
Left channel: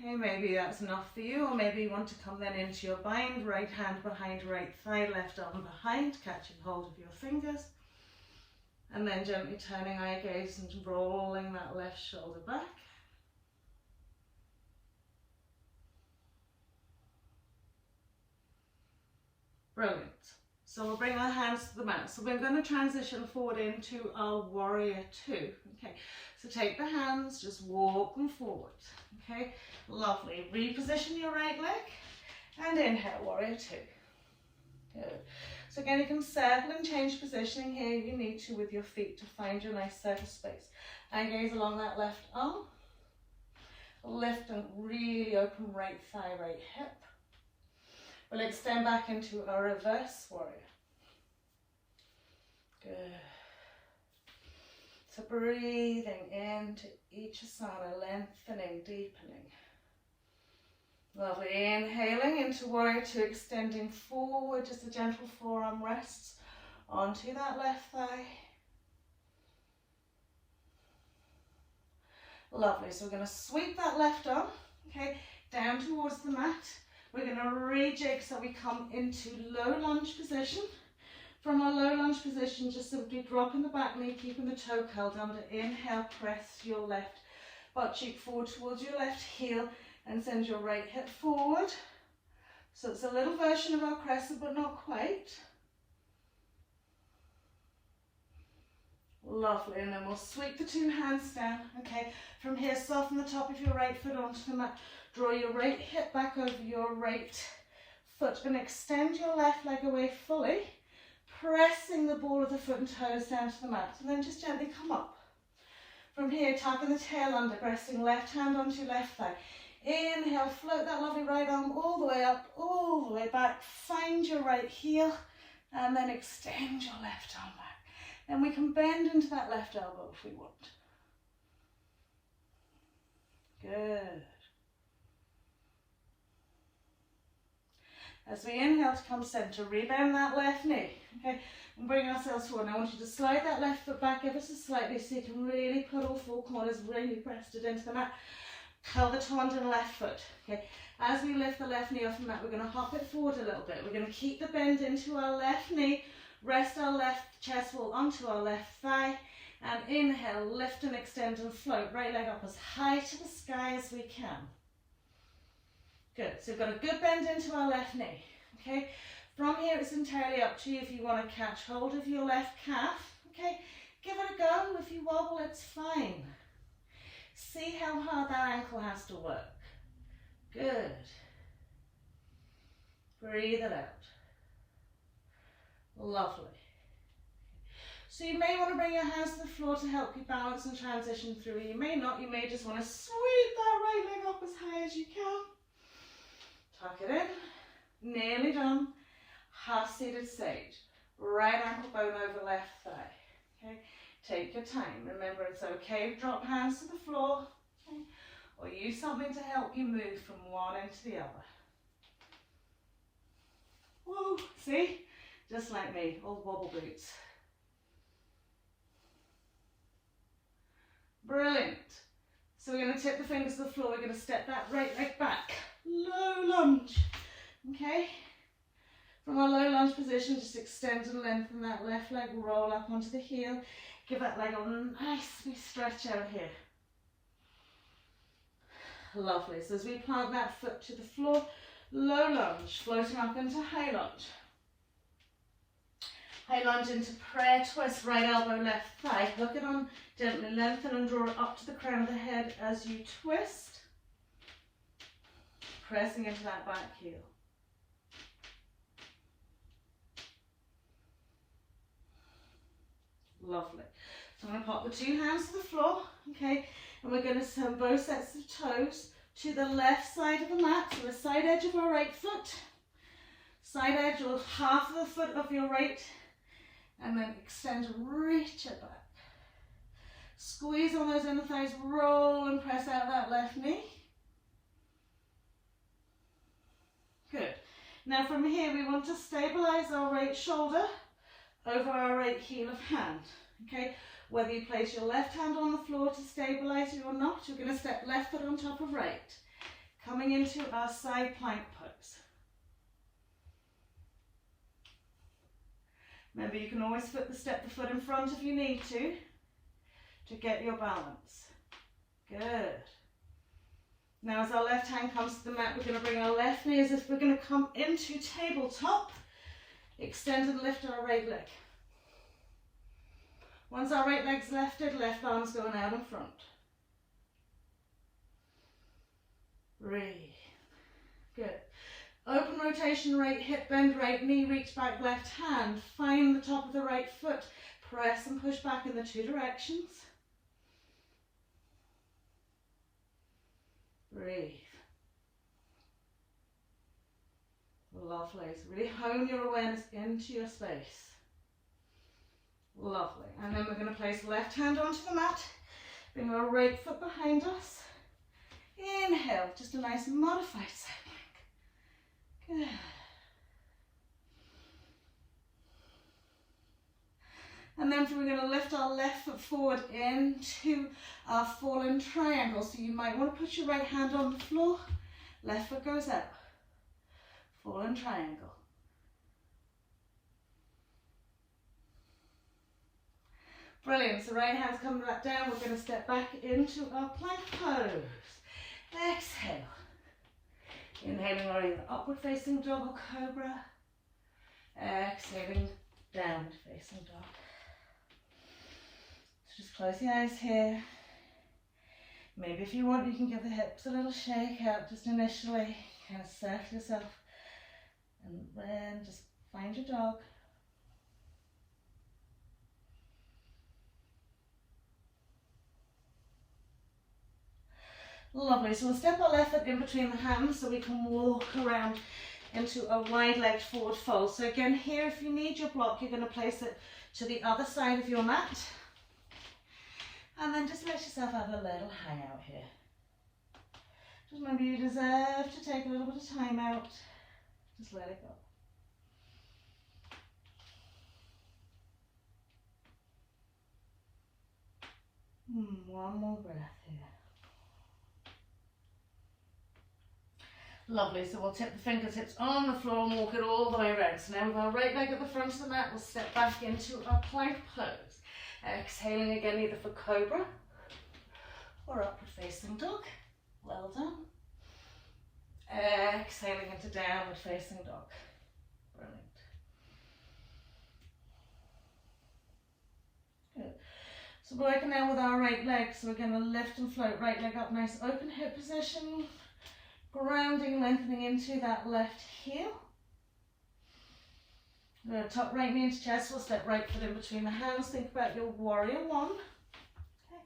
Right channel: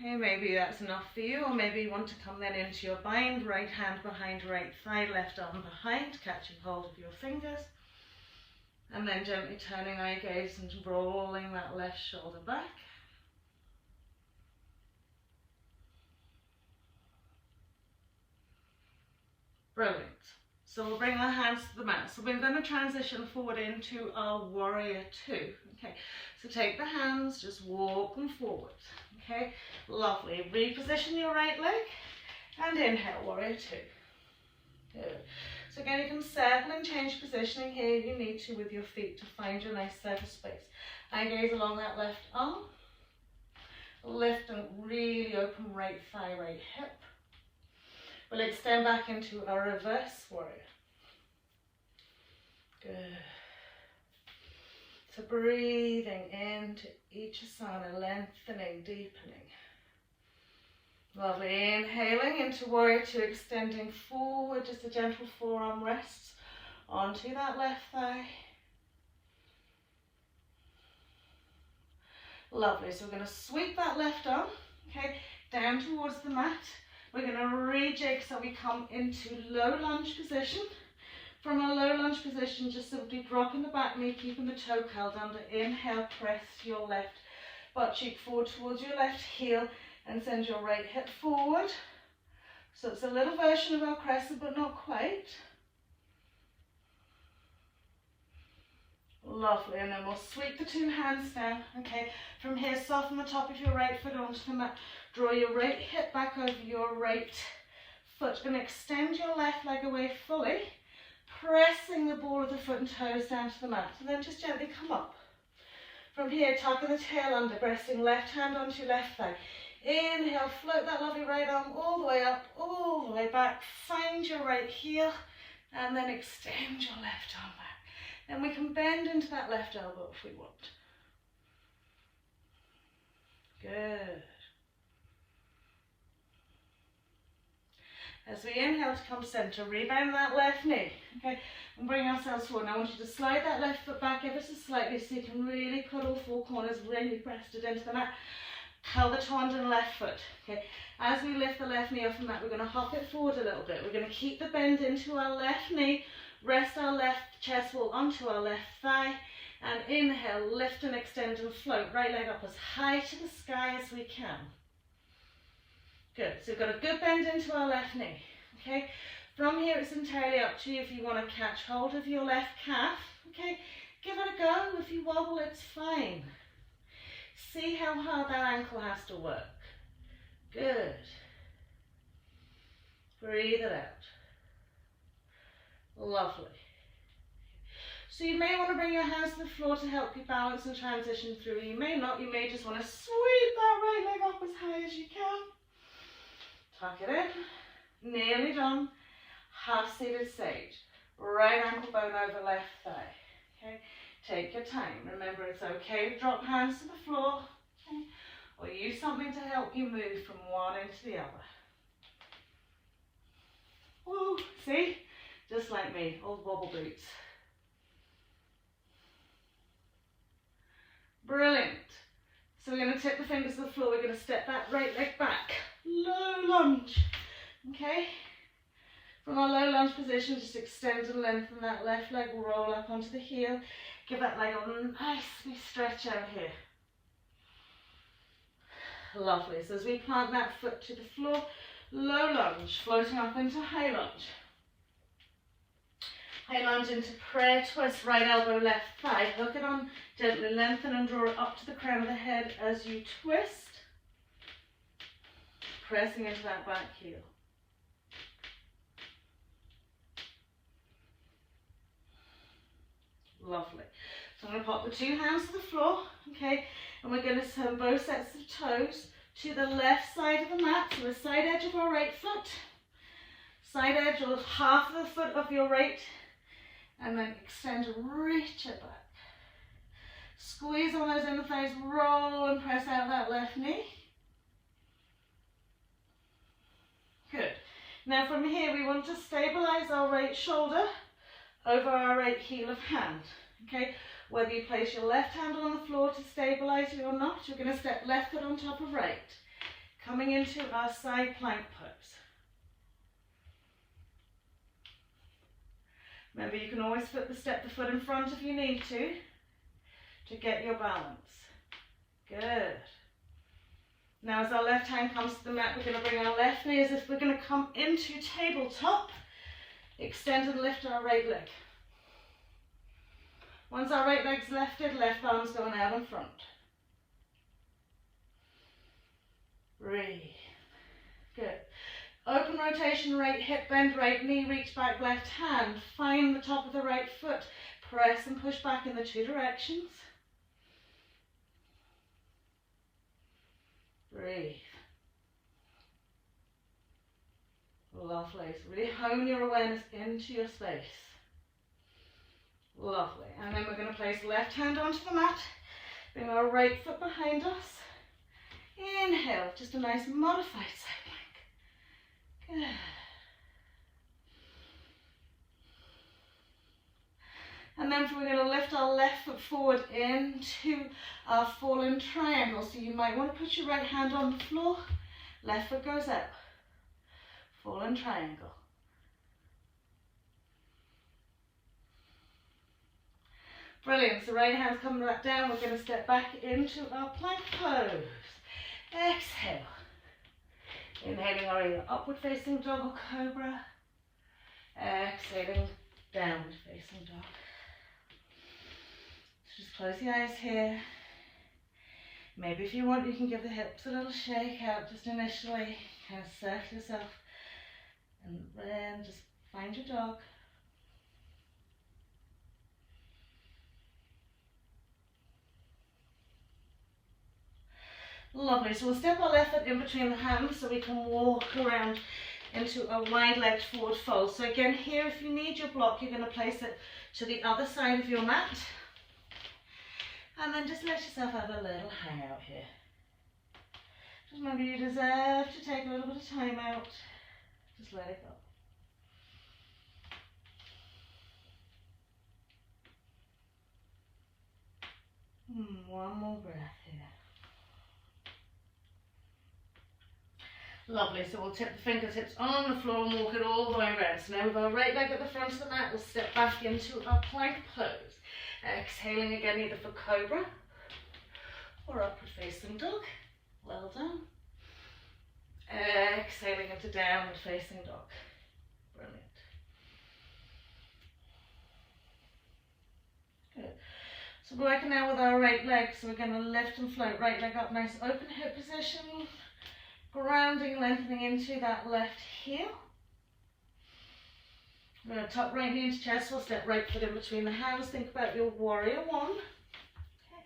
Okay, maybe that's enough for you, or maybe you want to come then into your bind, right hand behind right thigh, left arm behind, catching hold of your fingers, and then gently turning eye gaze and rolling that left shoulder back. Brilliant. So we'll bring our hands to the mat. So we're going to transition forward into our warrior two. Okay, so take the hands, just walk them forward. Okay, lovely. Reposition your right leg and inhale, warrior two. Good. So again, you can settle and change positioning here if you need to with your feet to find your nice center space. Eye gaze along that left arm. Lift and really open right thigh, right hip. We'll extend back into a reverse warrior. Good. So breathing into each asana, lengthening, deepening. Lovely. Inhaling into warrior two, extending forward, just a gentle forearm rests onto that left thigh. Lovely. So we're going to sweep that left arm, okay, down towards the mat. We're going to rejig so we come into low lunge position. From our low lunge position, just simply dropping the back knee, keeping the toe curled under. Inhale, press your left butt cheek forward towards your left heel and send your right hip forward. So it's a little version of our crescent, but not quite. Lovely, and then we'll sweep the two hands down. Okay, from here, soften the top of your right foot onto the mat. Draw your right hip back over your right foot and extend your left leg away fully, pressing the ball of the foot and toes down to the mat. And then just gently come up. From here, tucking the tail under, pressing left hand onto your left thigh. Inhale, float that lovely right arm all the way up, all the way back. Find your right heel and then extend your left arm back. Then we can bend into that left elbow if we want. Good. As we inhale to come center, rebend that left knee, okay, and bring ourselves forward. Now I want you to slide that left foot back ever so slightly so you can really put all four corners really pressed it into the mat. Curl the tendon left foot, okay. As we lift the left knee off the mat, we're going to hop it forward a little bit. We're going to keep the bend into our left knee, rest our left chest wall onto our left thigh, and inhale, lift and extend and float. Right leg up as high to the sky as we can. Good, so we've got a good bend into our left knee, okay? From here it's entirely up to you if you want to catch hold of your left calf, okay? Give it a go, if you wobble it's fine. See how hard that ankle has to work. Good. Breathe it out. Lovely. So you may want to bring your hands to the floor to help you balance and transition through. You may not, you may just want to sweep that right leg up as high as you can. Tuck it in, nearly done. Half seated sage. Right ankle bone over left thigh. Okay, take your time. Remember, it's okay to drop hands to the floor, okay? Or use something to help you move from one end to the other. Woo, see? Just like me, old wobble boots. Brilliant. So we're going to tip the fingers to the floor. We're going to step that right leg back. Low lunge. Okay? From our low lunge position, just extend and lengthen that left leg, roll up onto the heel. Give that leg a nice wee stretch out here. Lovely. So as we plant that foot to the floor, low lunge, floating up into high lunge. High lunge into prayer twist, right elbow, left thigh. Hook it on, gently lengthen and draw it up to the crown of the head as you twist. Pressing into that back heel. Lovely. So I'm going to pop the two hands to the floor, okay, and we're going to send both sets of toes to the left side of the mat, to the side edge of our right foot, side edge or half of the foot of your right, and then extend and reach it back. Squeeze on those inner thighs, roll and press out that left knee. Good. Now from here we want to stabilize our right shoulder over our right heel of hand. Okay, whether you place your left hand on the floor to stabilize you or not, you're going to step left foot on top of right, coming into our side plank pose. Remember, you can always step the foot in front if you need to get your balance. Good. Now as our left hand comes to the mat, we're going to bring our left knee as if we're going to come into tabletop. Extend and lift our right leg. Once our right leg's lifted, left arm's going out in front. Breathe. Good. Open rotation, right hip bend, right knee, reach back, left hand. Find the top of the right foot. Press and push back in the two directions. Breathe. Lovely. So really hone your awareness into your space. Lovely. And then we're going to place left hand onto the mat. Bring our right foot behind us. Inhale. Just a nice modified side plank. Good. And then we're going to lift our left foot forward into our fallen triangle. So you might want to put your right hand on the floor. Left foot goes out. Fallen triangle. Brilliant. So right hand's coming back down. We're going to step back into our plank pose. Exhale. Inhaling our either upward facing dog or cobra. Exhaling downward facing dog. So just close the eyes here. Maybe if you want, you can give the hips a little shake out just initially. Kind of circle yourself. And then just find your dog. Lovely. So we'll step our left foot in between the hands so we can walk around into a wide-legged forward fold. So again, here, if you need your block, you're going to place it to the other side of your mat. And then just let yourself have a little hangout here. Just remember, you deserve to take a little bit of time out. Just let it go. One more breath here. Lovely, so we'll tip the fingertips on the floor and walk it all the way around. So now with our right leg at the front of the mat, we'll step back into our plank pose. Exhaling again, either for cobra or upward facing dog. Well done. Exhaling into downward facing dog. Brilliant. Good. So we're working now with our right leg. So we're going to lift and float, right leg up, nice open hip position. Grounding, lengthening into that left heel. We're going to tuck right knee into chest. We'll step right foot in between the hands. Think about your warrior one. Okay.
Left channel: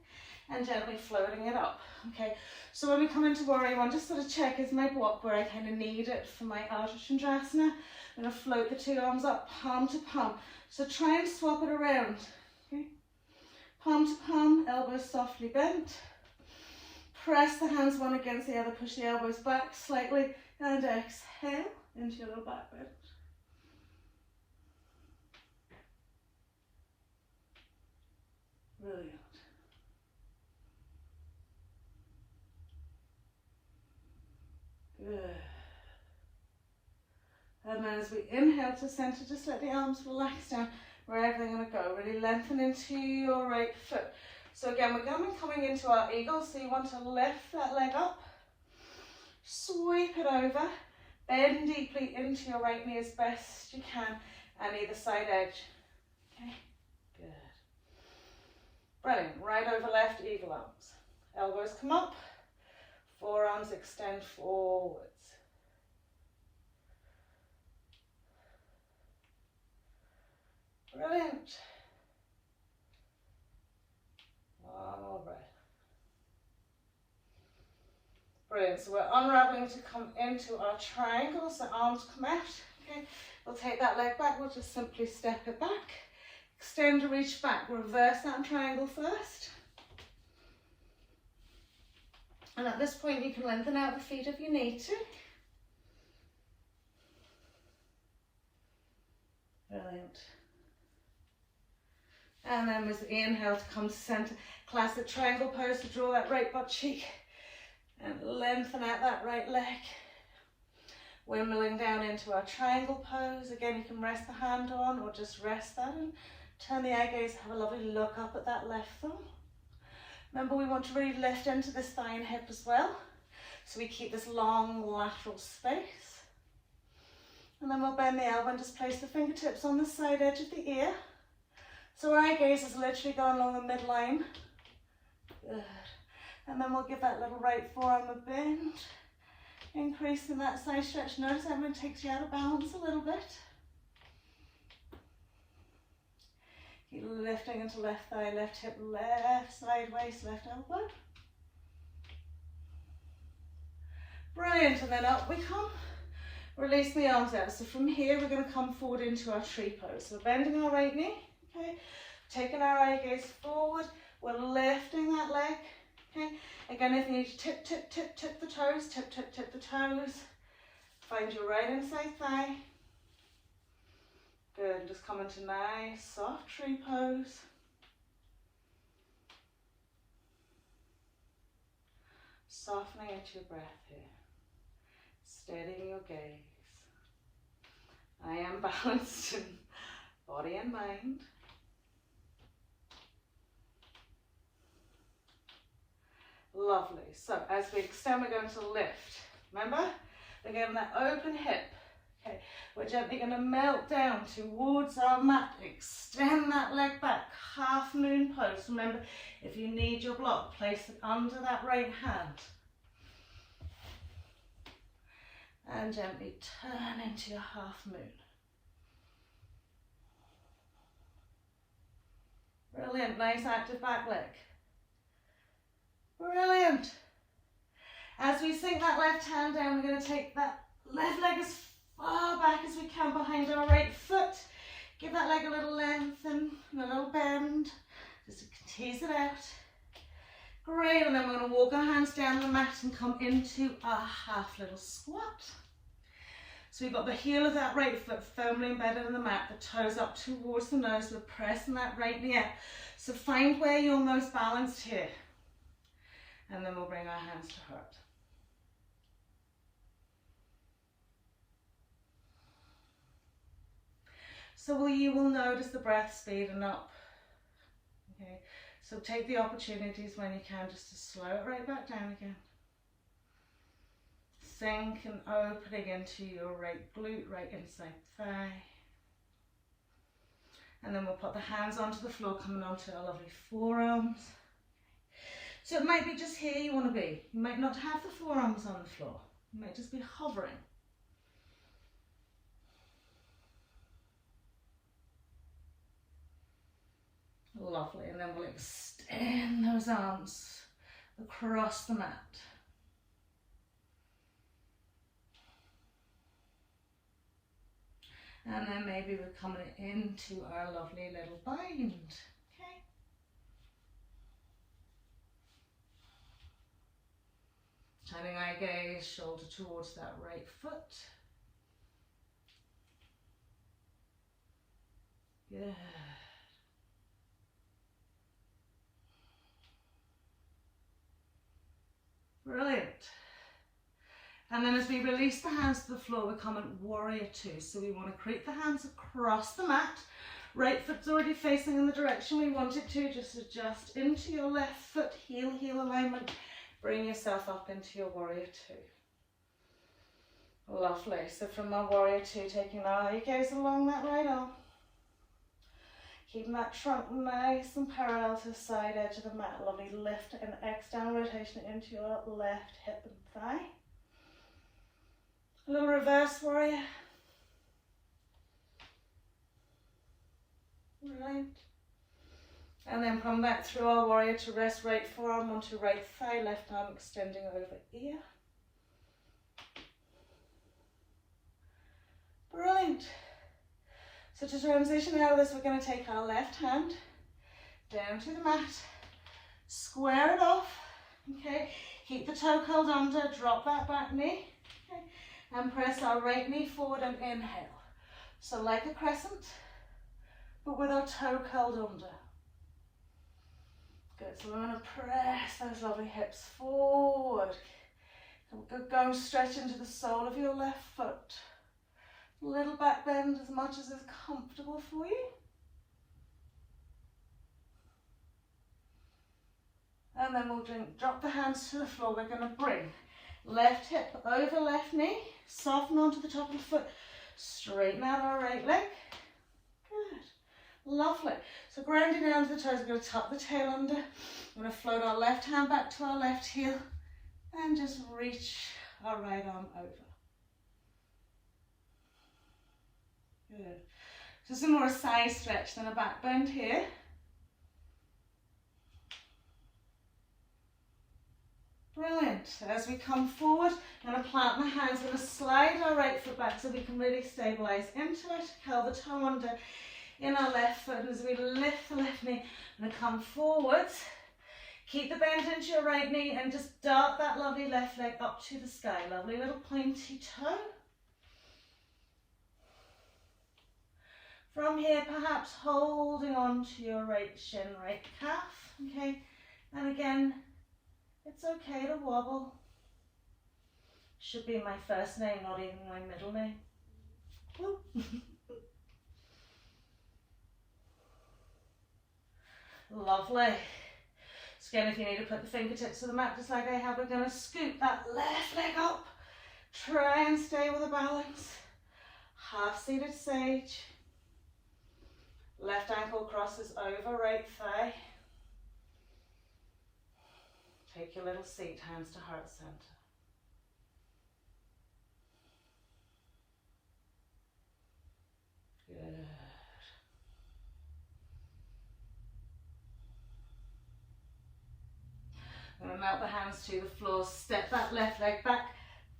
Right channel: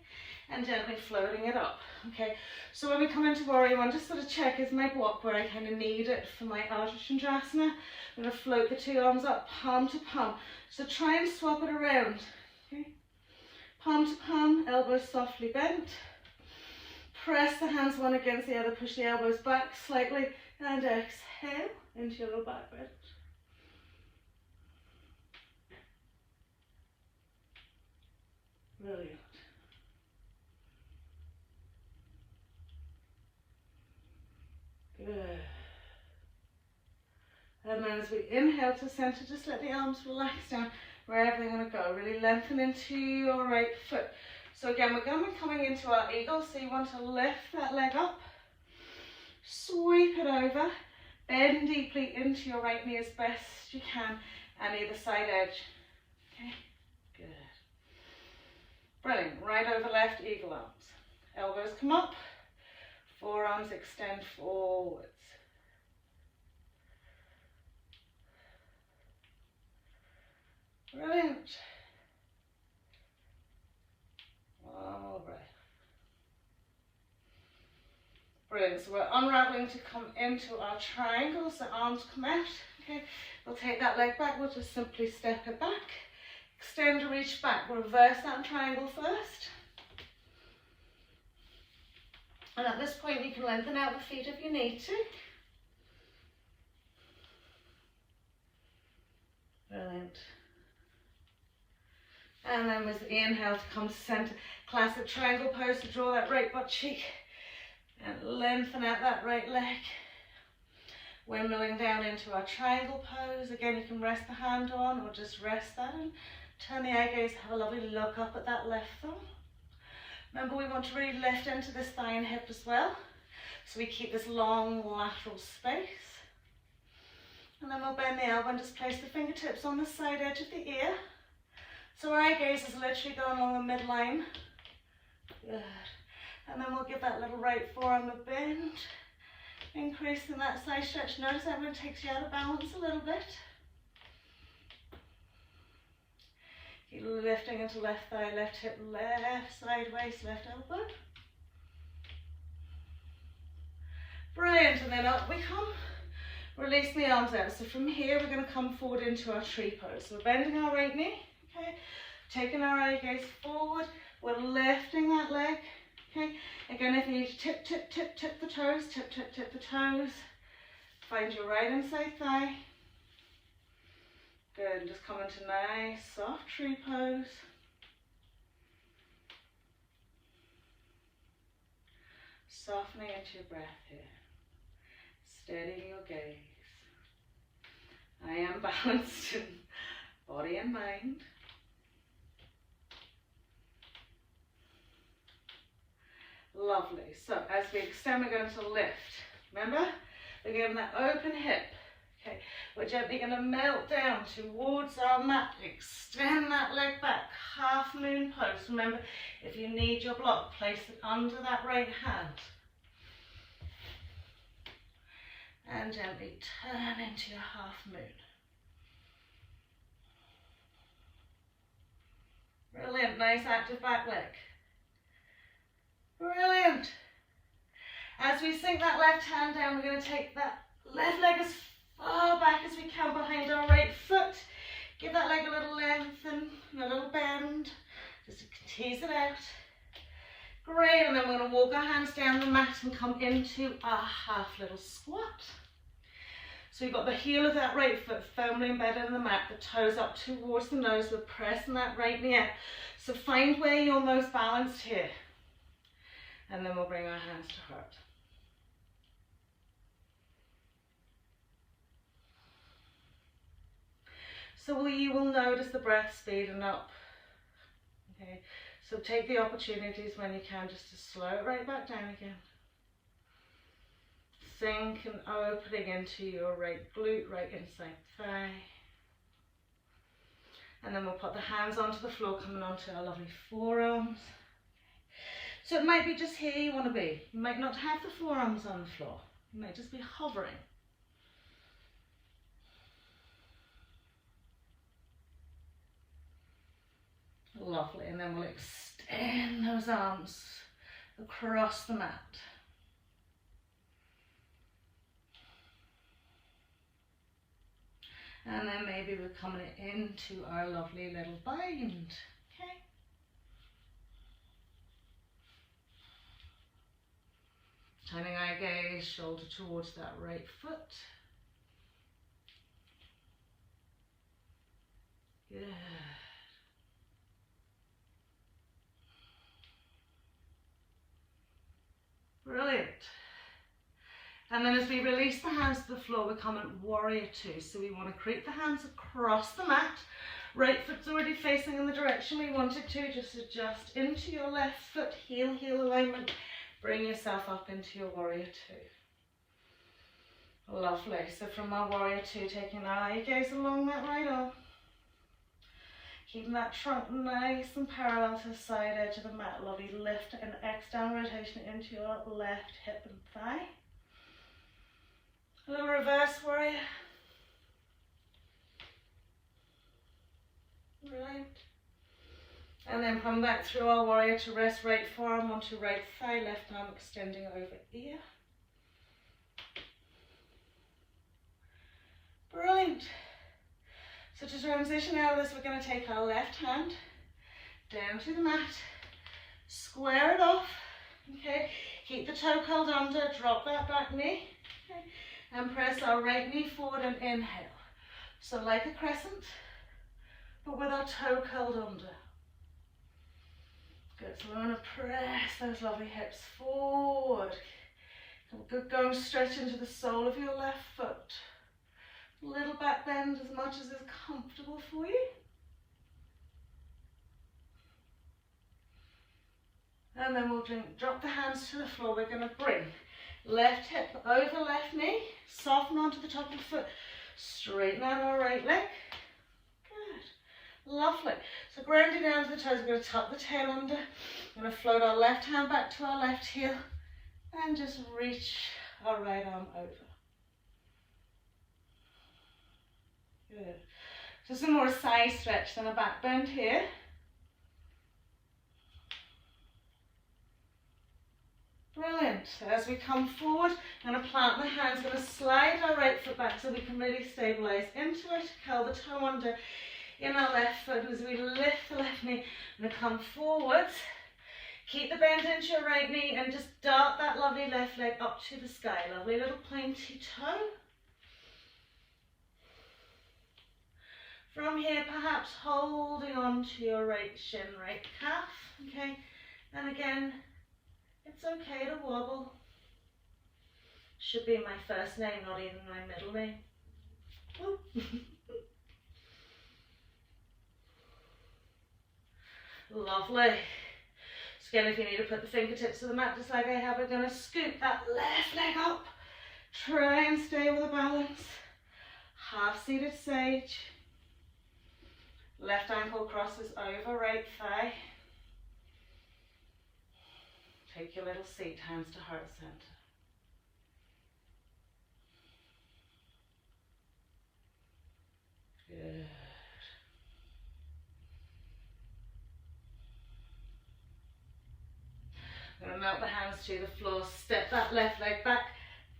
And gently floating it up. Okay. So when we come into warrior one, just sort of check, is my block where I kind of need it for my Ardha Chandrasana. I'm going to float the two arms up, palm to palm. So try and swap it around. Okay. Palm to palm, elbows softly bent. Press the hands one against the other, push the elbows back slightly, and exhale into your little back bend. Brilliant. Good. And then as we inhale to center, just let the arms relax down wherever they want to go. Really lengthen into your right foot. So again, we're going to be coming into our eagle, so you want to lift that leg up, sweep it over, bend deeply into your right knee as best you can, and either side edge. Okay, good. Brilliant. Right over left, eagle arms. Elbows come up, forearms extend forwards. Brilliant. One more breath. Brilliant. So we're unraveling to come into our triangle. So arms come out. Okay. We'll take that leg back. We'll just simply step it back. Extend to reach back. Reverse that triangle first. And at this point you can lengthen out the feet if you need to. Brilliant. And then with the inhale to come to center, classic triangle pose to draw that right butt cheek and lengthen out that right leg. Windmilling down into our triangle pose. Again, you can rest the hand on or just rest that and turn the eye gaze, have a lovely look up at that left thumb. Remember, we want to really lift into this thigh and hip as well, so we keep this long lateral space. And then we'll bend the elbow and just place the fingertips on the side edge of the ear. So our eye gaze is literally going along the midline. Good. And then we'll give that little right forearm a bend, increasing that side stretch. Notice how it takes you out of balance a little bit. Keep lifting into left thigh, left hip, left side waist, left elbow. Brilliant, and then up we come. Release the arms out. So from here we're going to come forward into our tree pose. So we're bending our right knee, okay, taking our eye gaze forward, we're lifting that leg, okay. Again, if you need to tip the toes, tip the toes. Find your right inside thigh. Good, and just come into nice soft tree pose. Softening into your breath here. Steadying your gaze. I am balanced in body and mind. Lovely. So as we extend, we're going to lift. Remember, we're giving that open hip. Okay, we're gently going to melt down towards our mat. Extend that leg back. Half moon pose. Remember, if you need your block, place it under that right hand. And gently turn into your half moon. Brilliant, nice active back leg. Brilliant. As we sink that left hand down, we're going to take that left leg as far back as we can behind our right foot. Give that leg a little length and a little bend, just to tease it out. Great, and then we're going to walk our hands down the mat and come into our half little squat. So you've got the heel of that right foot firmly embedded in the mat, the toes up towards the nose, we're pressing that right knee up. So find where you're most balanced here. And then we'll bring our hands to heart. So you will notice the breath speeding up. Okay, so take the opportunities when you can just to slow it right back down again. Sink and opening into your right glute, right inside thigh. And then we'll put the hands onto the floor, coming onto our lovely forearms. So it might be just here you want to be. You might not have the forearms on the floor. You might just be hovering. Lovely, and then we'll extend those arms across the mat. And then maybe we're coming into our lovely little bind. Okay. Turning our gaze, shoulder towards that right foot. Good. Brilliant. And then as we release the hands to the floor, we come in warrior two. So we want to create the hands across the mat. Right foot's already facing in the direction we want it to. Just adjust into your left foot, heel alignment. Bring yourself up into your warrior two. Lovely. So from our warrior two, taking our gaze along that right arm. Keeping that trunk nice and parallel to the side edge of the mat. Lovely lift and external rotation into your left hip and thigh. A little reverse warrior. Right. And then come back through our warrior to rest right forearm onto right thigh, left arm extending over ear. Brilliant. So to transition out of this, we're going to take our left hand down to the mat, square it off, okay, keep the toe curled under, drop that back knee, okay, and press our right knee forward and inhale. So like a crescent, but with our toe curled under. Good, so we're going to press those lovely hips forward. Go stretch into the sole of your left foot. Little back bend as much as is comfortable for you. And then we'll drop the hands to the floor. We're going to bring left hip over left knee, soften onto the top of the foot, straighten out our right leg. Good, lovely. So grounding down to the toes, we're going to tuck the tail under. We're going to float our left hand back to our left heel and just reach our right arm over. Good. So some more side stretch than a back bend here. Brilliant. So as we come forward, I'm going to plant the hands, going to slide our right foot back so we can really stabilise into it, curl the toe under in our left foot. And as we lift the left knee, I'm going to come forwards, keep the bend into your right knee and just dart that lovely left leg up to the sky. Lovely little pointy toe. From here, perhaps holding on to your right shin, right calf, okay? And again, it's okay to wobble. Should be my first name, not even my middle name. Lovely. So again, if you need to put the fingertips to the mat, just like I have, we're going to scoop that left leg up. Try and stay with a balance. Half-seated sage. Left ankle crosses over right thigh. Take your little seat, hands to heart center. Good. I'm going to melt the hands to the floor, step that left leg back,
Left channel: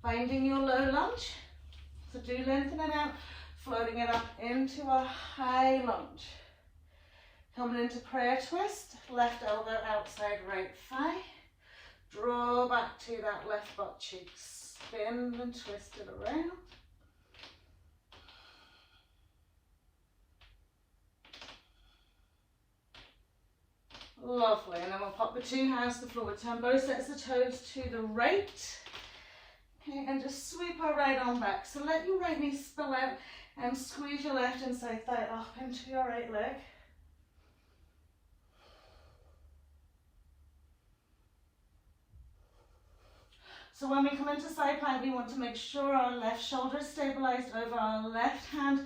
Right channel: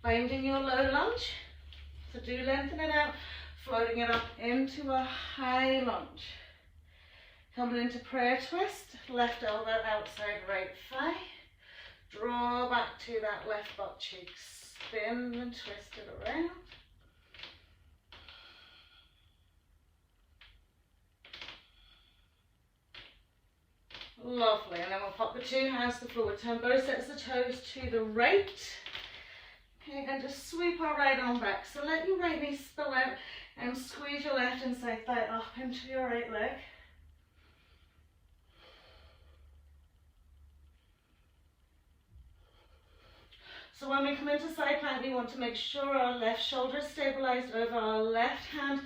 finding your low lunge. So do lengthen it out, floating it up into a high lunge. Coming into prayer twist, left elbow outside right thigh. Draw back to that left butt cheek, spin and twist it around. Lovely. And then we'll pop the two hands to the floor. Turn both sets of toes to the right. Okay, and just sweep our right arm back. So let your right knee spill out and squeeze your left inside thigh up into your right leg. So when we come into side plank, we want to make sure our left shoulder is stabilized over our left hand.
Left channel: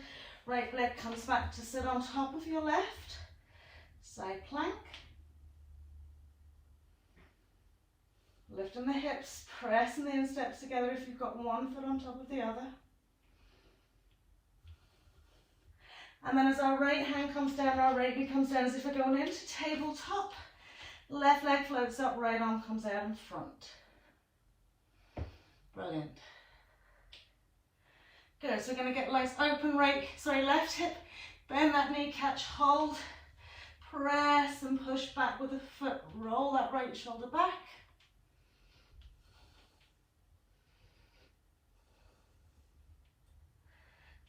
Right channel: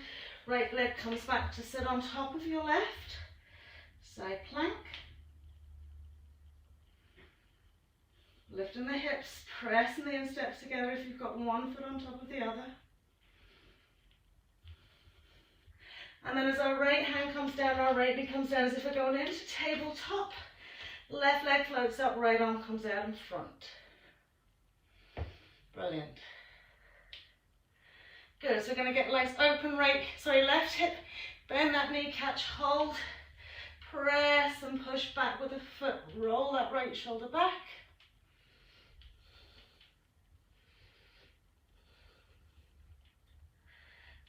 Right leg comes back to sit on top of your left. Side plank. Lifting the hips, pressing the insteps together if you've got one foot on top of the other. And then as our right hand comes down, our right knee comes down as if we're going into tabletop. Left leg floats up, right arm comes out in front. Brilliant. Good, so we're going to get legs open, left hip, bend that knee, catch hold, press and push back with the foot, roll that right shoulder back.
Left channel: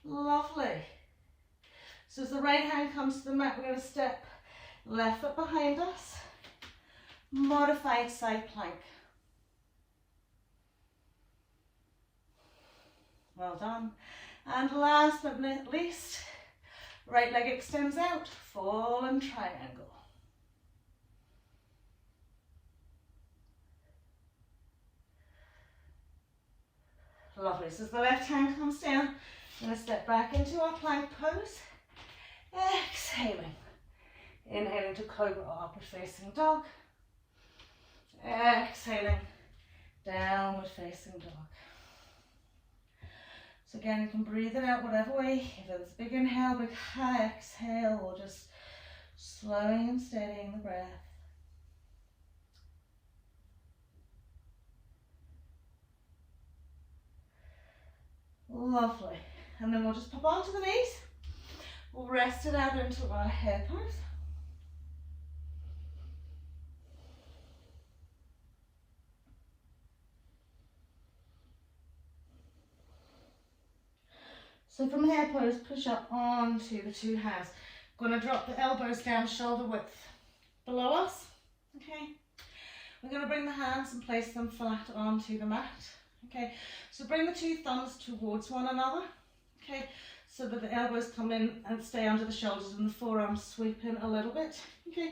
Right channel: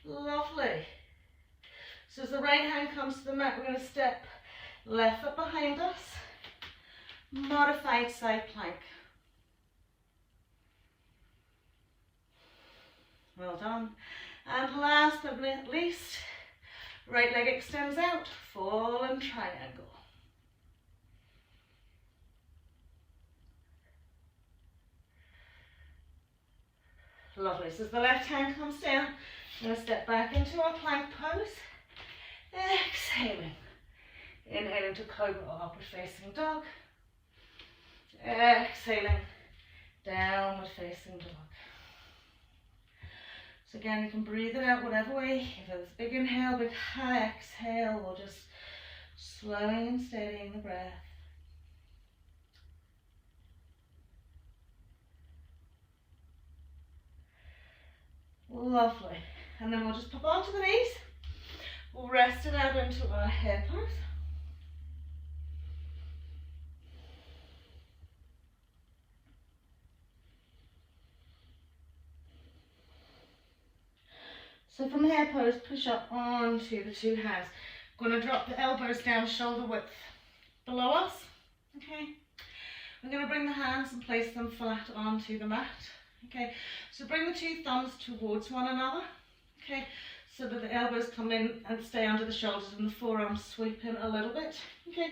Lovely. So as the right hand comes to the mat, we're going to step left foot behind us, modified side plank. Well done. And last but not least, right leg extends out, fallen triangle. Lovely. So as the left hand comes down, I'm going to step back into our plank pose. Exhaling. Inhaling to cobra or upward facing dog. Exhaling. Downward facing dog. So again, you can breathe it out whatever way. If it's a big inhale, big high exhale, or just slowing and steadying the breath. Lovely. And then we'll just pop onto the knees. We'll rest it out into our head pose. So from hair pose, push up onto the two hands. I'm going to drop the elbows down shoulder width below us. Okay. We're going to bring the hands and place them flat onto the mat. Okay. So bring the two thumbs towards one another. Okay. So that the elbows come in and stay under the shoulders and the forearms sweep in a little bit. Okay.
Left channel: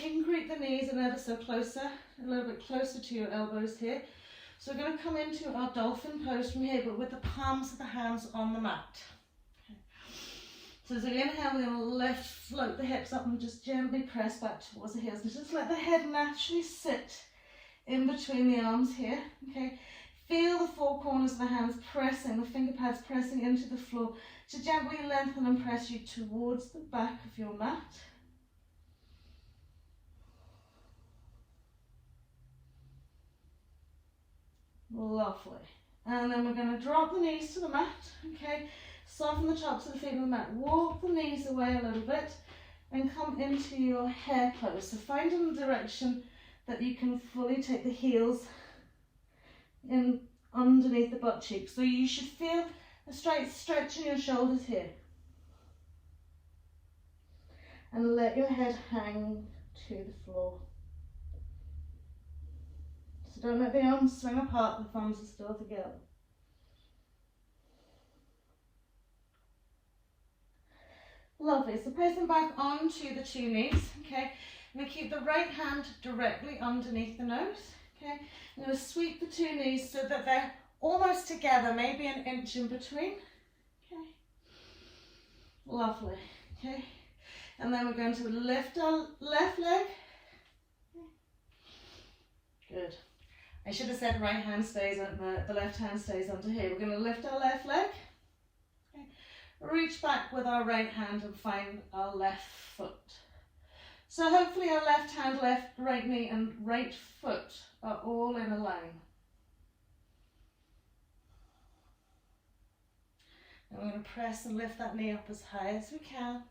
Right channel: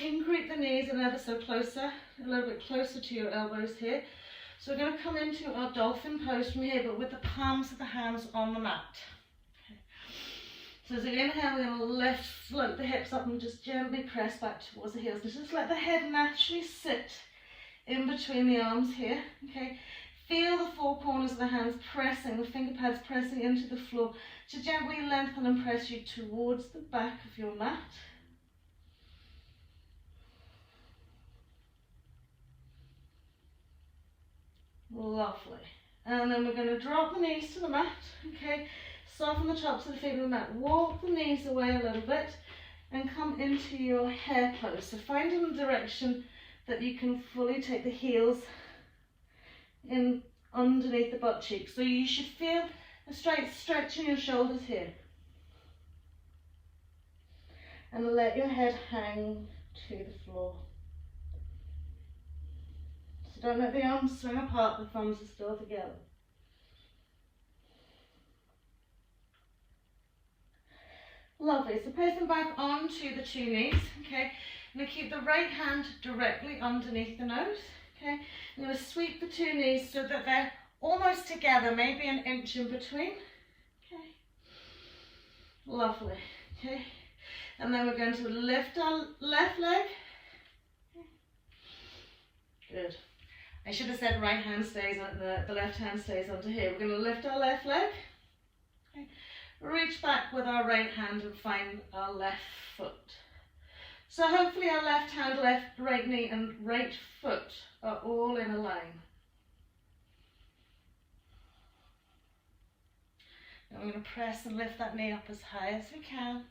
You can creep the knees and ever so closer, a little bit closer to your elbows here. So we're going to come into our dolphin pose from here, but with the palms of the hands on the mat. Okay. So as we inhale, we're going to lift, float the hips up and just gently press back towards the heels. And just let the head naturally sit in between the arms here. Okay. Feel the four corners of the hands pressing, the finger pads pressing into the floor to gently lengthen and press you towards the back of your mat. Lovely. And then we're going to drop the knees to the mat. Okay. Soften the tops of the feet on the mat. Walk the knees away a little bit and come into your hair pose. So find in the direction that you can fully take the heels in underneath the butt cheeks. So you should feel a straight stretch in your shoulders here. And let your head hang to the floor. So don't let the arms swing apart, the thumbs are still together. Lovely, so pressing back onto the two knees, okay. I'm going to keep the right hand directly underneath the nose, okay. I'm going to sweep the two knees so that they're almost together, maybe an inch in between, okay. Lovely, okay. And then we're going to lift our left leg, okay. Good. I should have said right hand stays under, the left hand stays under here. We're going to lift our left leg, okay. Reach back with our right hand and find our left foot. So hopefully our left hand, right knee and right foot are all in a line. And we're going to press and lift that knee up as high as we can.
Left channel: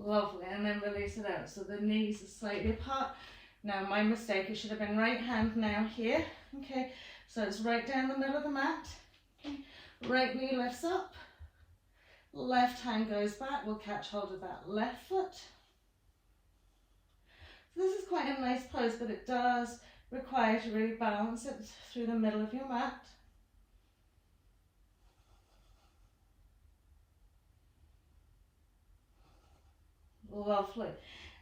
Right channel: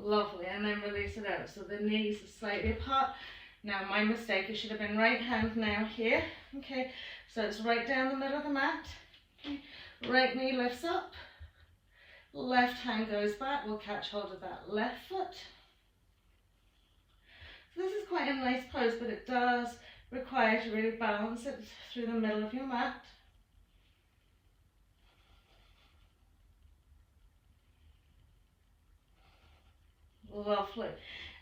Lovely, and then release it out. So the knees are slightly apart. Now my mistake, it should have been right hand now here. Okay, so it's right down the middle of the mat. Okay. Right knee lifts up. Left hand goes back, we'll catch hold of that left foot. So this is quite a nice pose, but it does require to really balance it through the middle of your mat. Lovely.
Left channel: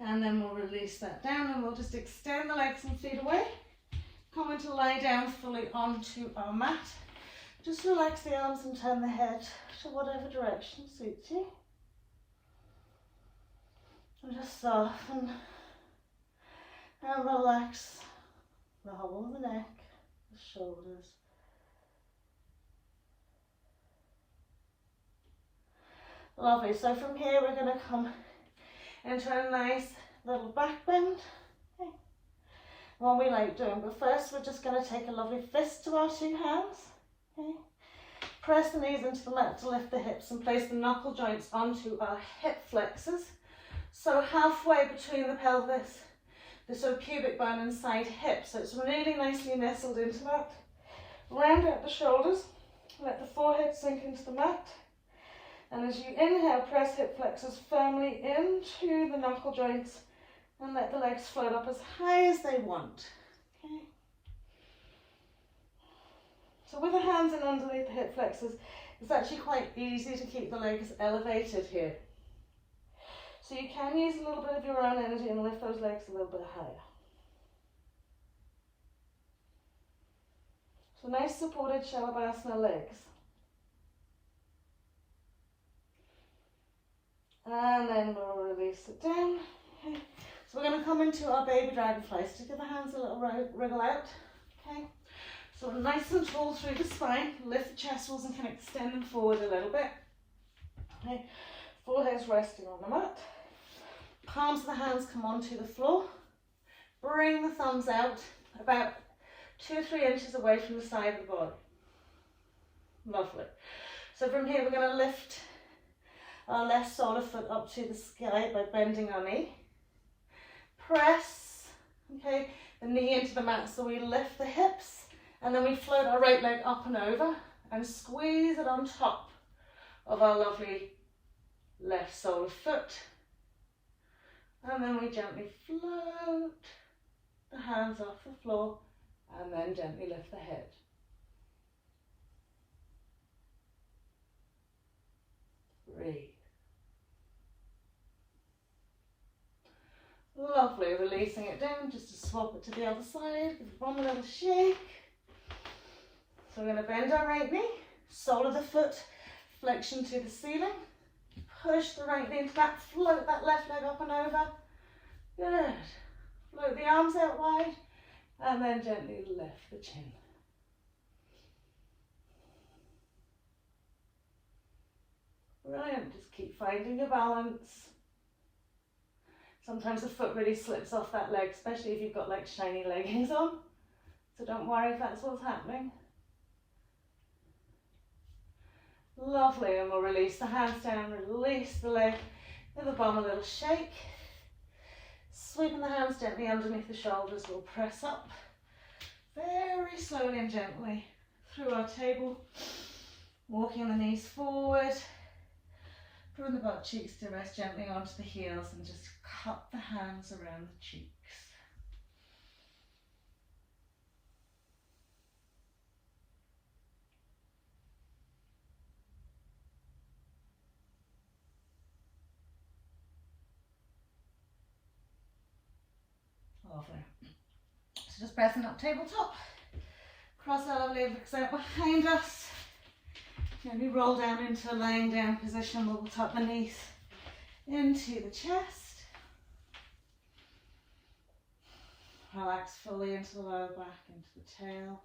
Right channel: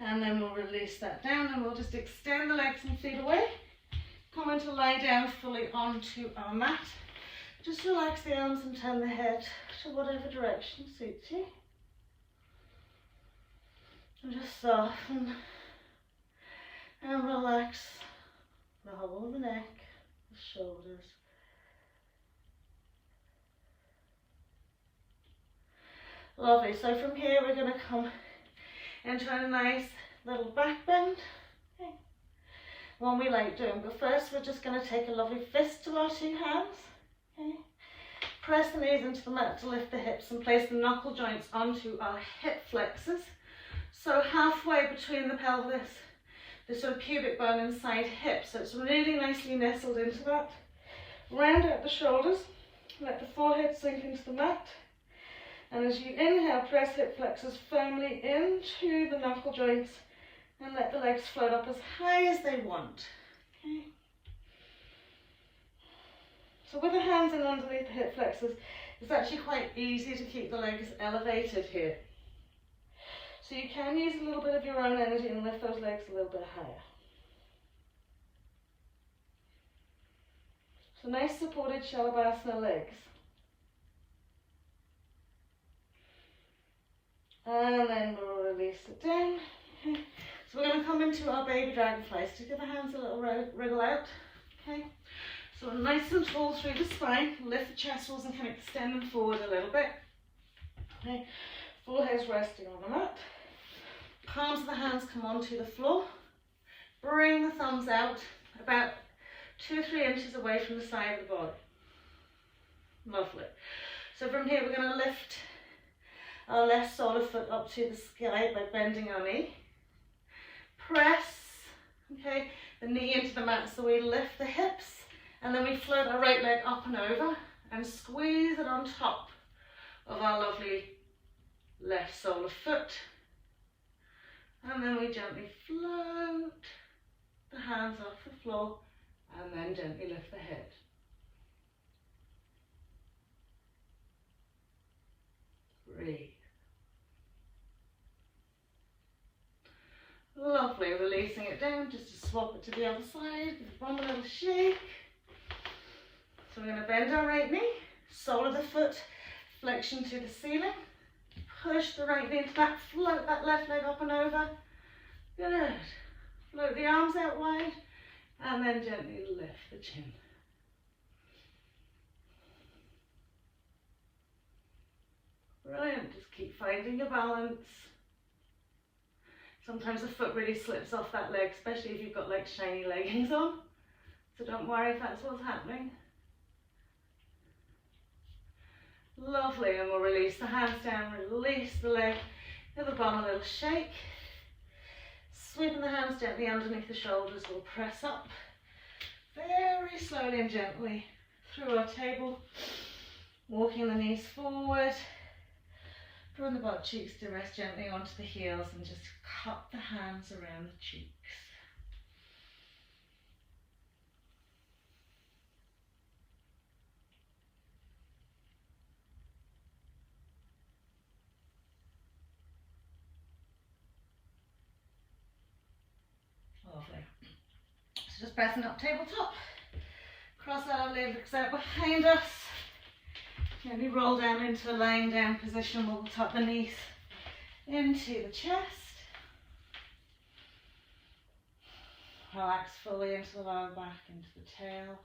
And then we'll release that down and we'll just extend the legs and feet away. Come into lie down fully onto our mat. Just relax the arms and turn the head to whatever direction suits you. And just soften and relax the whole of the neck, the shoulders. Lovely. So from here we're going to come into a nice little back bend. Okay. One we like doing, but first we're just going to take a lovely fist to our two hands. Okay. Press the knees into the mat to lift the hips and place the knuckle joints onto our hip flexors. So halfway between the pelvis, the sort of pubic bone and side hip. So it's really nicely nestled into that. Round out the shoulders, let the forehead sink into the mat. And as you inhale, press hip flexors firmly into the knuckle joints and let the legs float up as high as they want. Okay. So with the hands in underneath the hip flexors, it's actually quite easy to keep the legs elevated here. So you can use a little bit of your own energy and lift those legs a little bit higher. So nice supported Shalabhasana legs. And then we'll release it down. Okay. So we're going to come into our baby dragonfly. So give the hands a little wriggle out. Okay. So nice and tall through the spine. Lift the chest walls and kind of extend them forward a little bit. Okay. Forehead's resting on the mat. Palms of the hands come onto the floor. Bring the thumbs out about 2 or 3 inches away from the side of the body. Lovely. So from here we're going to lift our left solar foot up to the sky by bending our knee. Press, okay, the knee into the mat so we lift the hips and then we float our right leg up and over and squeeze it on top of our lovely left solar foot. And then we gently float the hands off the floor and then gently lift the head. Breathe. Lovely, releasing it down just to swap it to the other side. Give one little shake. So we're going to bend our right knee, sole of the foot, flexion to the ceiling. Push the right knee into that, float that left leg up and over. Good. Float the arms out wide and then gently lift the chin. Brilliant, just keep finding your balance. Sometimes the foot really slips off that leg, especially if you've got like shiny leggings on. So don't worry if that's what's happening. Lovely, and we'll release the hands down, release the leg, give the bum a little shake. Sweeping the hands gently underneath the shoulders, we'll press up very slowly and gently through our table, walking the knees forward. Bring the butt cheeks to rest gently onto the heels and just cup the hands around the cheeks. Lovely. So just pressing up tabletop. Cross our lovely legs out behind us. Gently roll down into a lying down position. We'll tuck the knees into the chest. Relax fully into the lower back, into the tail.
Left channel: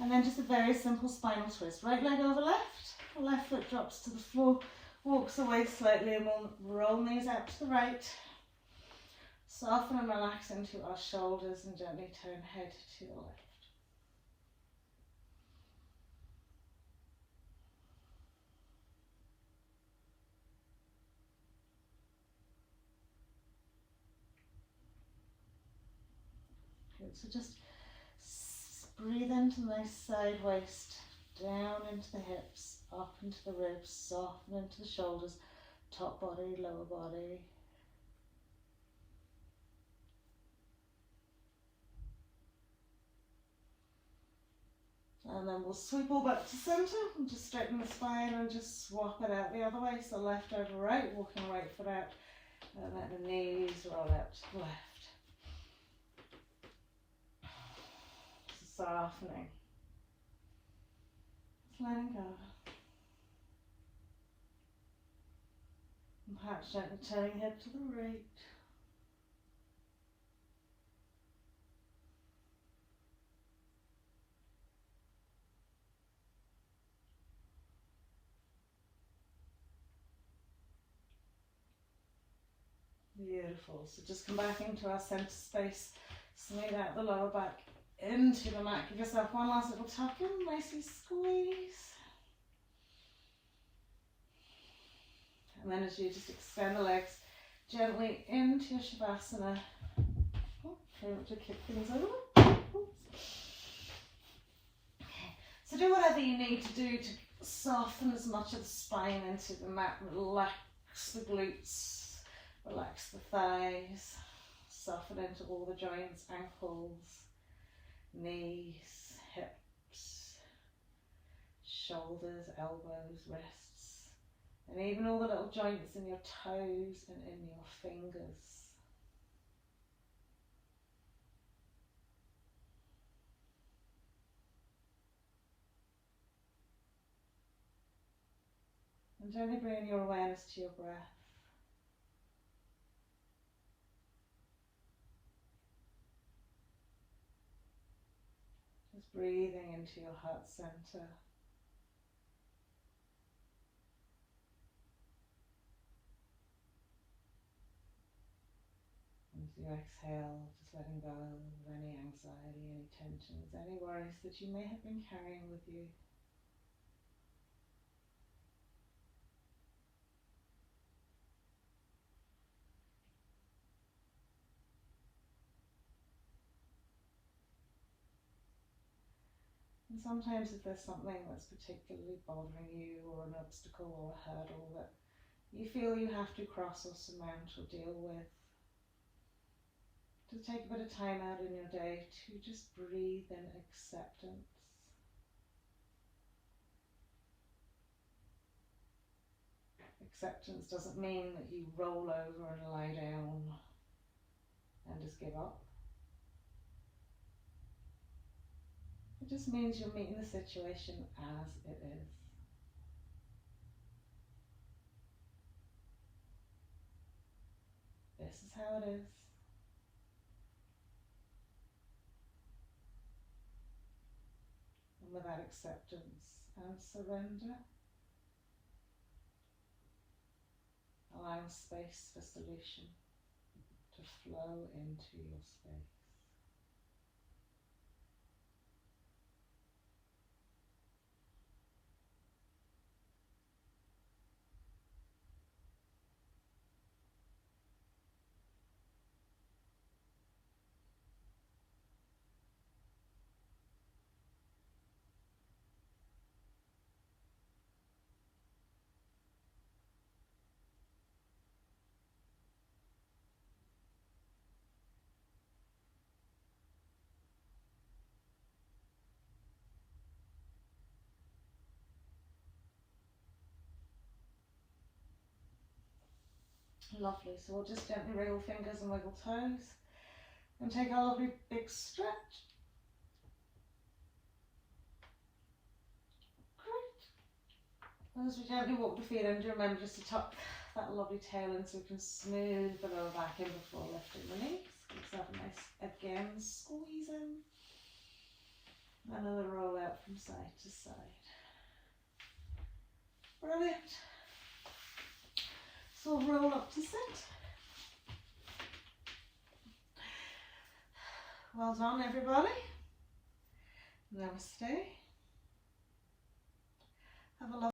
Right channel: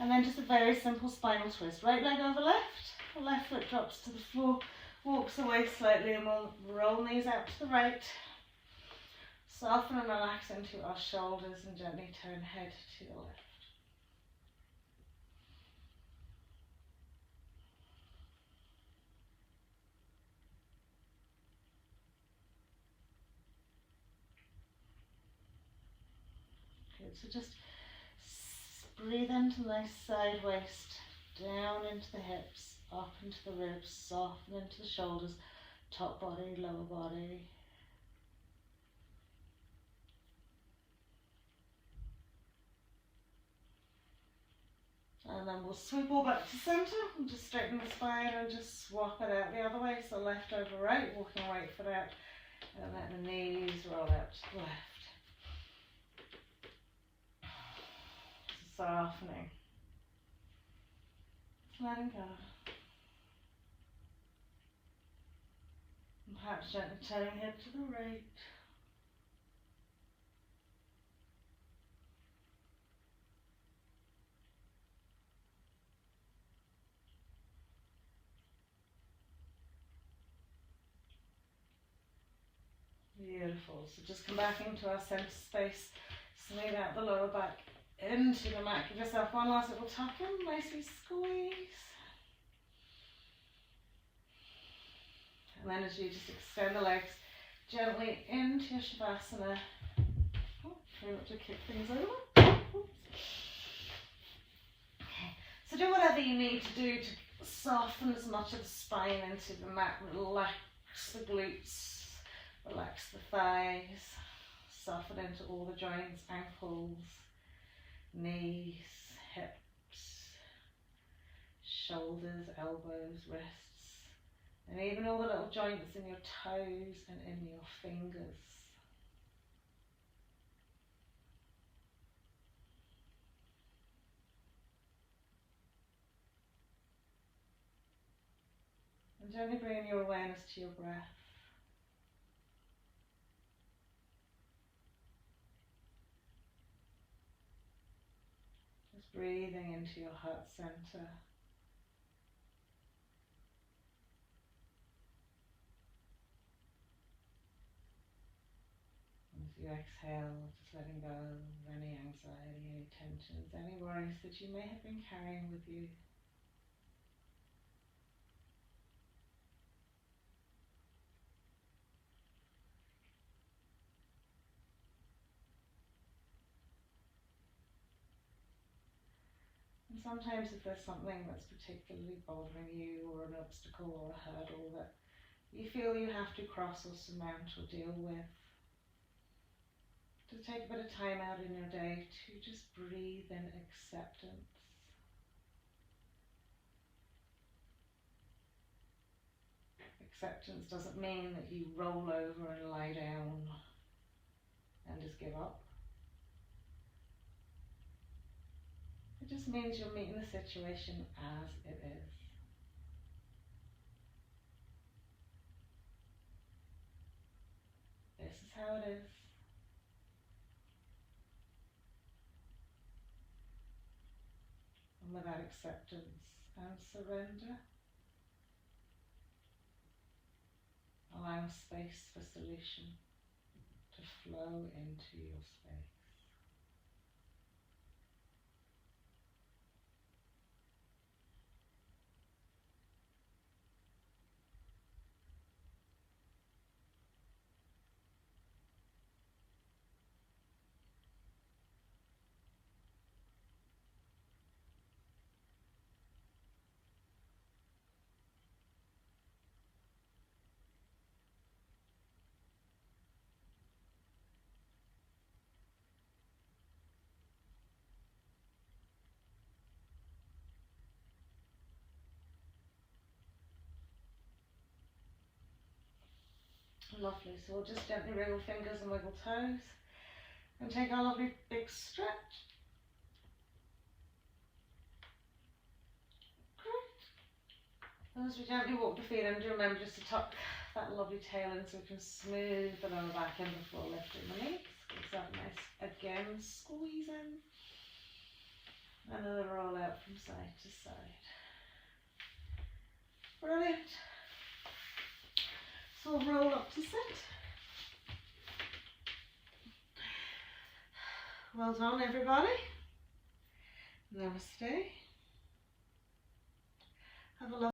And then just a very simple spinal twist. Right leg over left. The left foot drops to the floor, walks away slightly, and we'll roll knees out to the right. Soften and relax into our shoulders and gently turn head to the left. Good, so just breathe into nice side waist, down into the hips, up into the ribs, soften into the shoulders, top body, lower body. And then we'll sweep all back to centre and just straighten the spine and just swap it out the other way. So left over right, walking right foot out, and let the knees roll out to the left. Softening. Letting go. And perhaps gently turning head to the right. Beautiful. So just come back into our centre space. Smooth out the lower back into the mat. Give yourself one last little tuck in. Nicely squeeze. And then as you just extend the legs gently into your Shavasana. Oh, try not to kick things over. Oops. Okay. So do whatever you need to do to soften as much of the spine into the mat. Relax the glutes. Relax the thighs, soften into all the joints, ankles, knees, hips, shoulders, elbows, wrists, and even all the little joints in your toes and in your fingers. And gently bring your awareness to your breath. Just breathing into your heart center. And as you exhale, just letting go of any anxiety, any tensions, any worries that you may have been carrying with you. And sometimes if there's something that's particularly bothering you, or an obstacle or a hurdle that you feel you have to cross or surmount or deal with, to take a bit of time out in your day to just breathe in acceptance. Acceptance doesn't mean that you roll over and lie down and just give up. It just means you're meeting the situation as it is. This is how it is. And with that acceptance and surrender, allowing space for solution to flow into your space. Lovely, so we'll just gently wriggle fingers and wiggle toes and take our lovely big stretch. Great. And as we gently walk the feet in, do remember just to tuck that lovely tail in so we can smooth the lower back in before lifting the knees. Give yourself a nice, again, squeeze in. And then roll out from side to side. Brilliant. So we'll roll up to sit. Well done, everybody. Namaste. Have a lovely